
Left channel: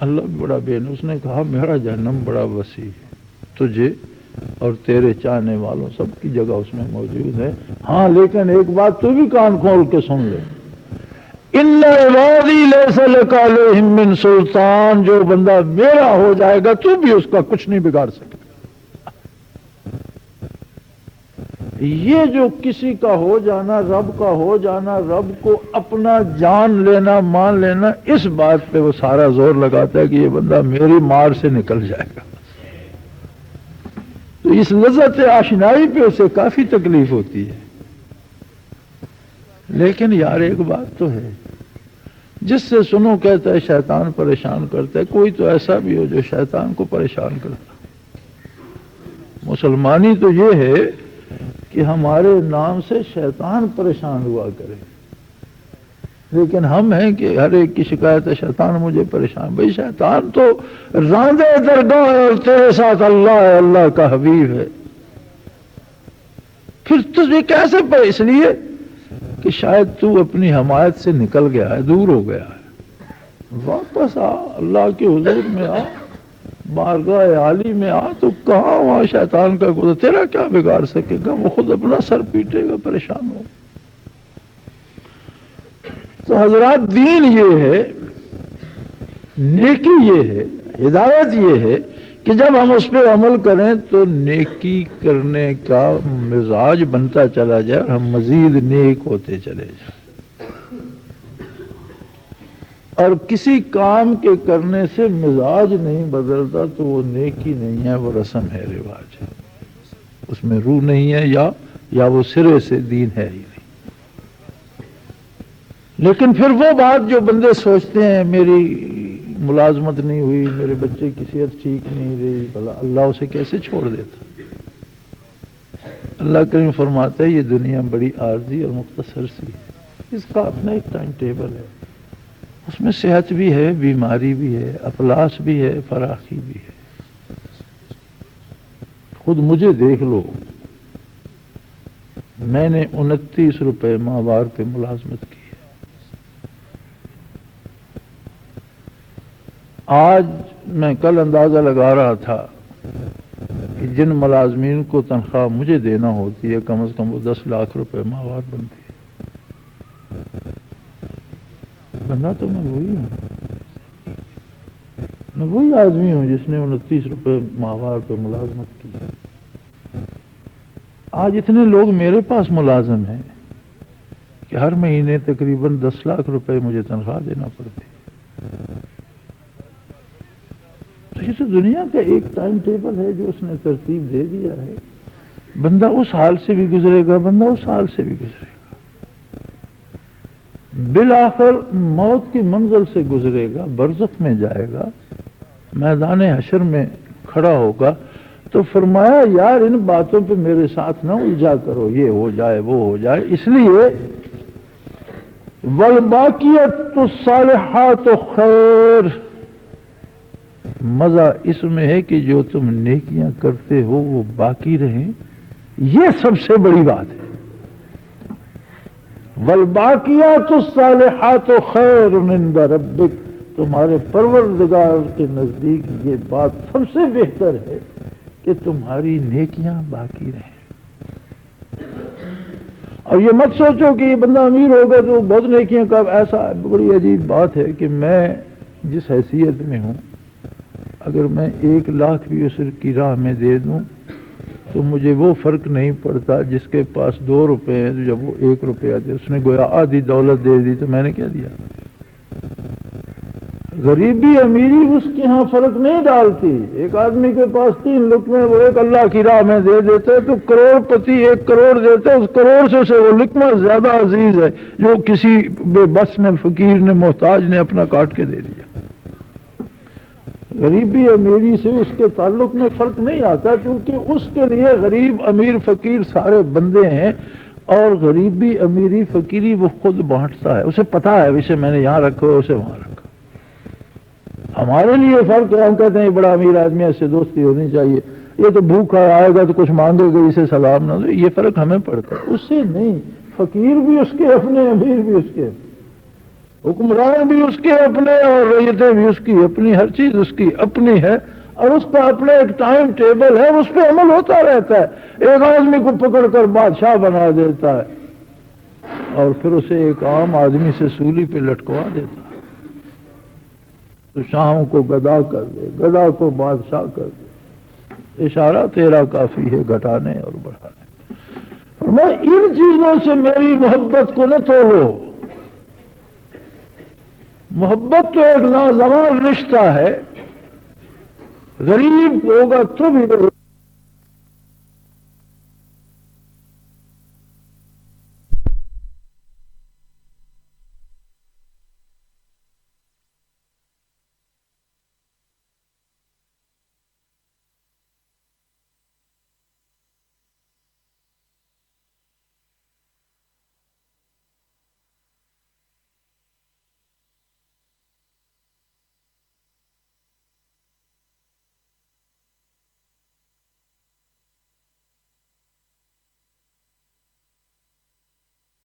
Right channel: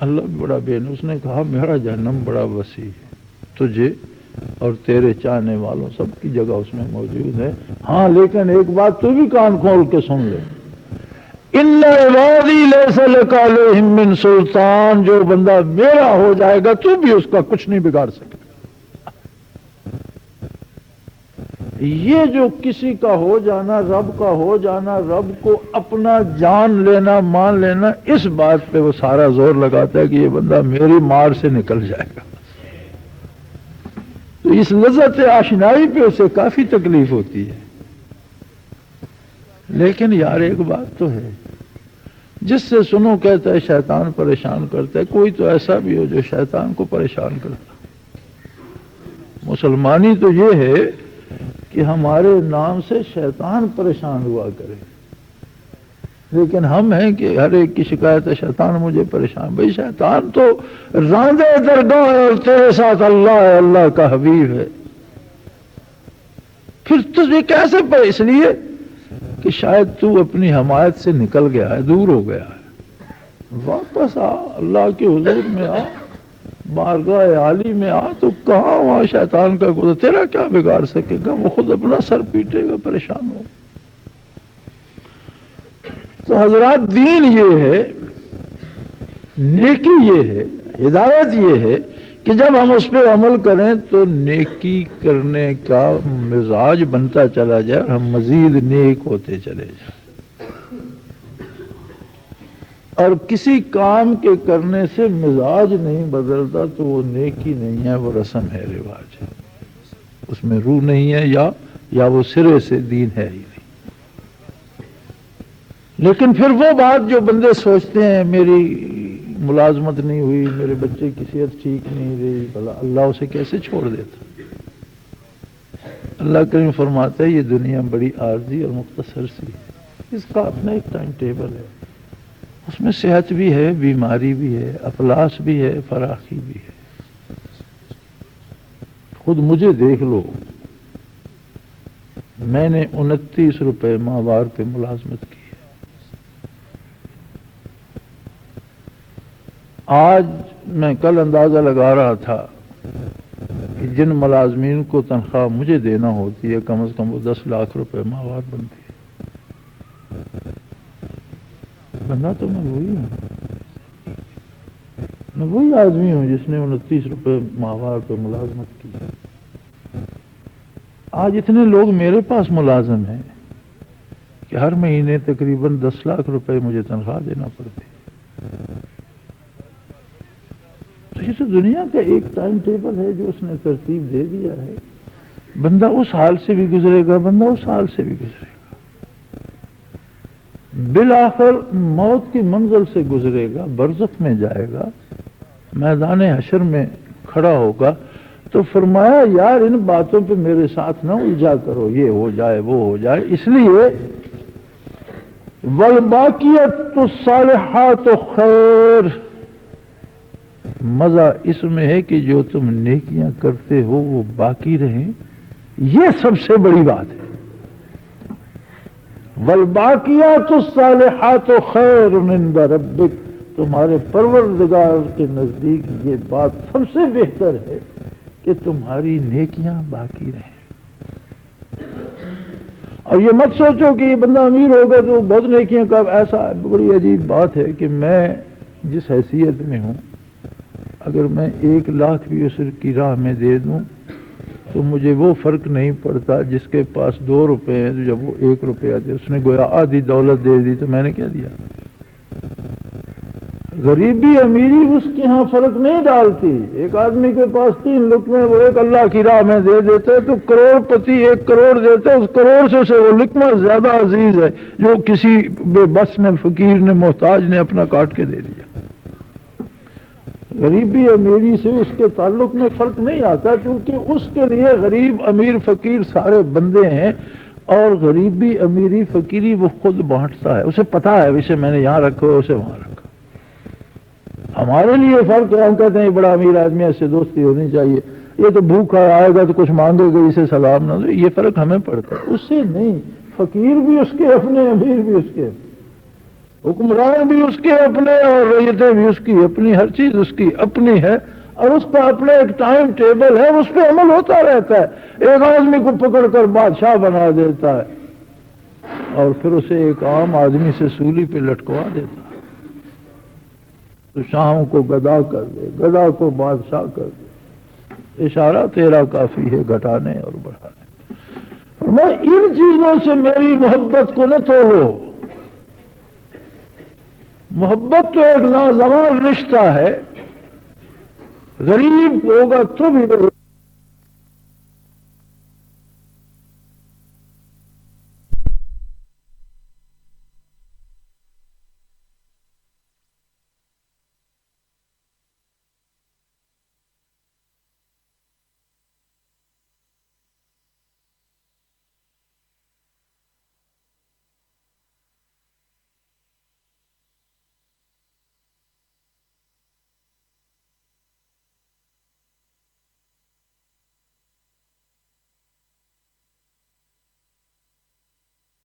اللہ بڑا بین، اس نے کہا میرا جہنم بڑا وسیع ہے، تجھے اور تیرے چاہنے والوں سب کی جگہ اس میں موجود ہے. ہاں لیکن ایک بات تو بھی کان کھول کے سن لے، ان عبادی لیس لک علیہم من سلطان، جو بندہ میرا ہو جائے گا تو بھی اس کا کچھ نہیں بگاڑ سکے. یہ جو کسی کا ہو جانا، رب کا ہو جانا، رب کو اپنا جان لینا، مان لینا، اس بات پہ وہ سارا زور لگاتا ہے کہ یہ بندہ میری مار سے نکل جائے گا. تو اس لذت آشنائی پہ اسے کافی تکلیف ہوتی ہے. لیکن یار ایک بات تو ہے، جس سے سنو کہتا ہے شیطان پریشان کرتا ہے، کوئی تو ایسا بھی ہو جو شیطان کو پریشان کرتا. مسلمانی تو یہ ہے کہ ہمارے نام سے شیطان پریشان ہوا کرے، لیکن ہم ہیں کہ ہر ایک کی شکایت ہے شیطان مجھے پریشان. بھئی شیطان تو راندے درگاہ ہے اور تیرے ساتھ اللہ ہے، اللہ کا حبیب ہے. پھر تجھے کیسے پہ، اس لیے کہ شاید تو اپنی حمایت سے نکل گیا ہے، دور ہو گیا ہے. واپس آ، اللہ کے حضور میں آ، بارگاہ عالی میں آ، تو کہنا تو حضرات دین یہ ہے، نیکی یہ ہے، ہدایت یہ ہے کہ جب ہم اس پہ عمل کریں تو نیکی کرنے کا مزاج بنتا چلا جائے، ہم مزید نیک ہوتے چلے جائیں. اور کسی کام کے کرنے سے مزاج نہیں بدلتا تو وہ نیکی نہیں ہے، وہ رسم ہے، رواج ہے، اس میں روح نہیں ہے، یا وہ سرے سے دین ہے ہی نہیں. لیکن پھر وہ بات جو بندے سوچتے ہیں میری ملازمت نہیں ہوئی، میرے بچے کی صحت ٹھیک نہیں رہی، اللہ اسے کیسے چھوڑ دیتا. اللہ کریم فرماتا ہے یہ دنیا بڑی عارضی اور مختصر سی ہے، اس کا اپنا ایک ٹائم ٹیبل ہے، اس میں صحت بھی ہے، بیماری بھی ہے، افلاس بھی ہے، فراخی بھی ہے. خود مجھے دیکھ لو، میں نے 29 روپے ماہوار پہ ملازمت کی. آج میں کل اندازہ لگا رہا تھا کہ جن ملازمین کو تنخواہ مجھے دینا ہوتی ہے کم از کم وہ 10 لاکھ روپے ماہوار بنتی ہے. بندہ تو میں وہی آدمی ہوں جس نے 29 روپے ماہوار پہ ملازمت کی. آج اتنے لوگ میرے پاس ملازم ہیں کہ ہر مہینے تقریباً 10 لاکھ روپے مجھے تنخواہ دینا پڑتی. یہ تو دنیا کا ایک ٹائم ٹیبل ہے جو اس نے ترتیب دے دیا ہے. بندہ اس حال سے بھی گزرے گا، بندہ اس حال سے بھی گزرے گا، بالآخر موت کی منزل سے گزرے گا، برزخ میں جائے گا، میدان حشر میں کھڑا ہوگا، تو فرمایا یار ان باتوں پہ میرے ساتھ نہ الجھا کرو، یہ ہو جائے وہ ہو جائے، اس لیے والباقیات الصالحات خیر، مزہ اس میں ہے کہ جو تم نیکیاں کرتے ہو وہ باقی رہیں، یہ سب سے بڑی بات ہے۔ والباقیات الصالحات خیر عند ربک، تمہارے پروردگار کے نزدیک یہ بات سب سے بہتر ہے کہ تمہاری نیکیاں باقی رہیں۔ اور یہ مت سوچو کہ یہ بندہ امیر ہوگا تو بہت نیکیاں کر، ایسا بڑی عجیب بات ہے کہ میں جس حیثیت میں ہوں، اگر میں 1,00,000 بھی اس کی راہ میں دے دوں تو مجھے وہ فرق نہیں پڑتا جس کے پاس 2 روپے ہیں، تو جب وہ 1 روپیہ دے، اس نے گویا آدھی دولت دے دی، تو میں نے کیا دیا؟ غریبی امیری اس کے ہاں فرق نہیں ڈالتی۔ ایک آدمی کے پاس 3 لقمے وہ ایک اللہ کی راہ میں دے دیتے تو کروڑ پتی 1 کروڑ دیتے، اس کروڑ سے وہ لقمہ زیادہ عزیز ہے جو کسی بے بس نے، فقیر نے، محتاج نے اپنا کاٹ کے دے دیا۔ غریبی امیری سے اس کے تعلق میں فرق نہیں آتا، کیونکہ اس کے لیے غریب امیر فقیر سارے بندے ہیں، اور غریبی امیری فقیری وہ خود بانٹتا ہے، اسے پتا ہے اسے میں نے یہاں رکھو، اسے وہاں رکھو۔ ہمارے لیے فرق ہے، ہم کہتے ہیں بڑا امیر آدمی اس سے دوستی ہونی چاہیے، یہ تو بھوکا آئے گا تو کچھ مانگے گا، اسے سلام نہ دو، یہ فرق ہمیں پڑتا ہے، اس سے نہیں۔ فقیر بھی اس کے اپنے، امیر بھی اس کے، حکمران بھی اس کے اپنے، اور رعیتیں بھی اس کی اپنی، ہر چیز اس کی اپنی ہے، اور اس کا اپنا ایک ٹائم ٹیبل ہے، اس پہ عمل ہوتا رہتا ہے۔ ایک آدمی کو پکڑ کر بادشاہ بنا دیتا ہے اور پھر اسے ایک عام آدمی سے سولی پہ لٹکوا دیتا ہے، تو شاہوں کو گدا کر دے، گدا کو بادشاہ کر دے، اشارہ تیرا کافی ہے گھٹانے اور بڑھانے۔ میں ان چیزوں سے میری محبت کو نہ توڑو، محبت تو ایک لازوال رشتہ ہے، غریب ہوگا تو بھی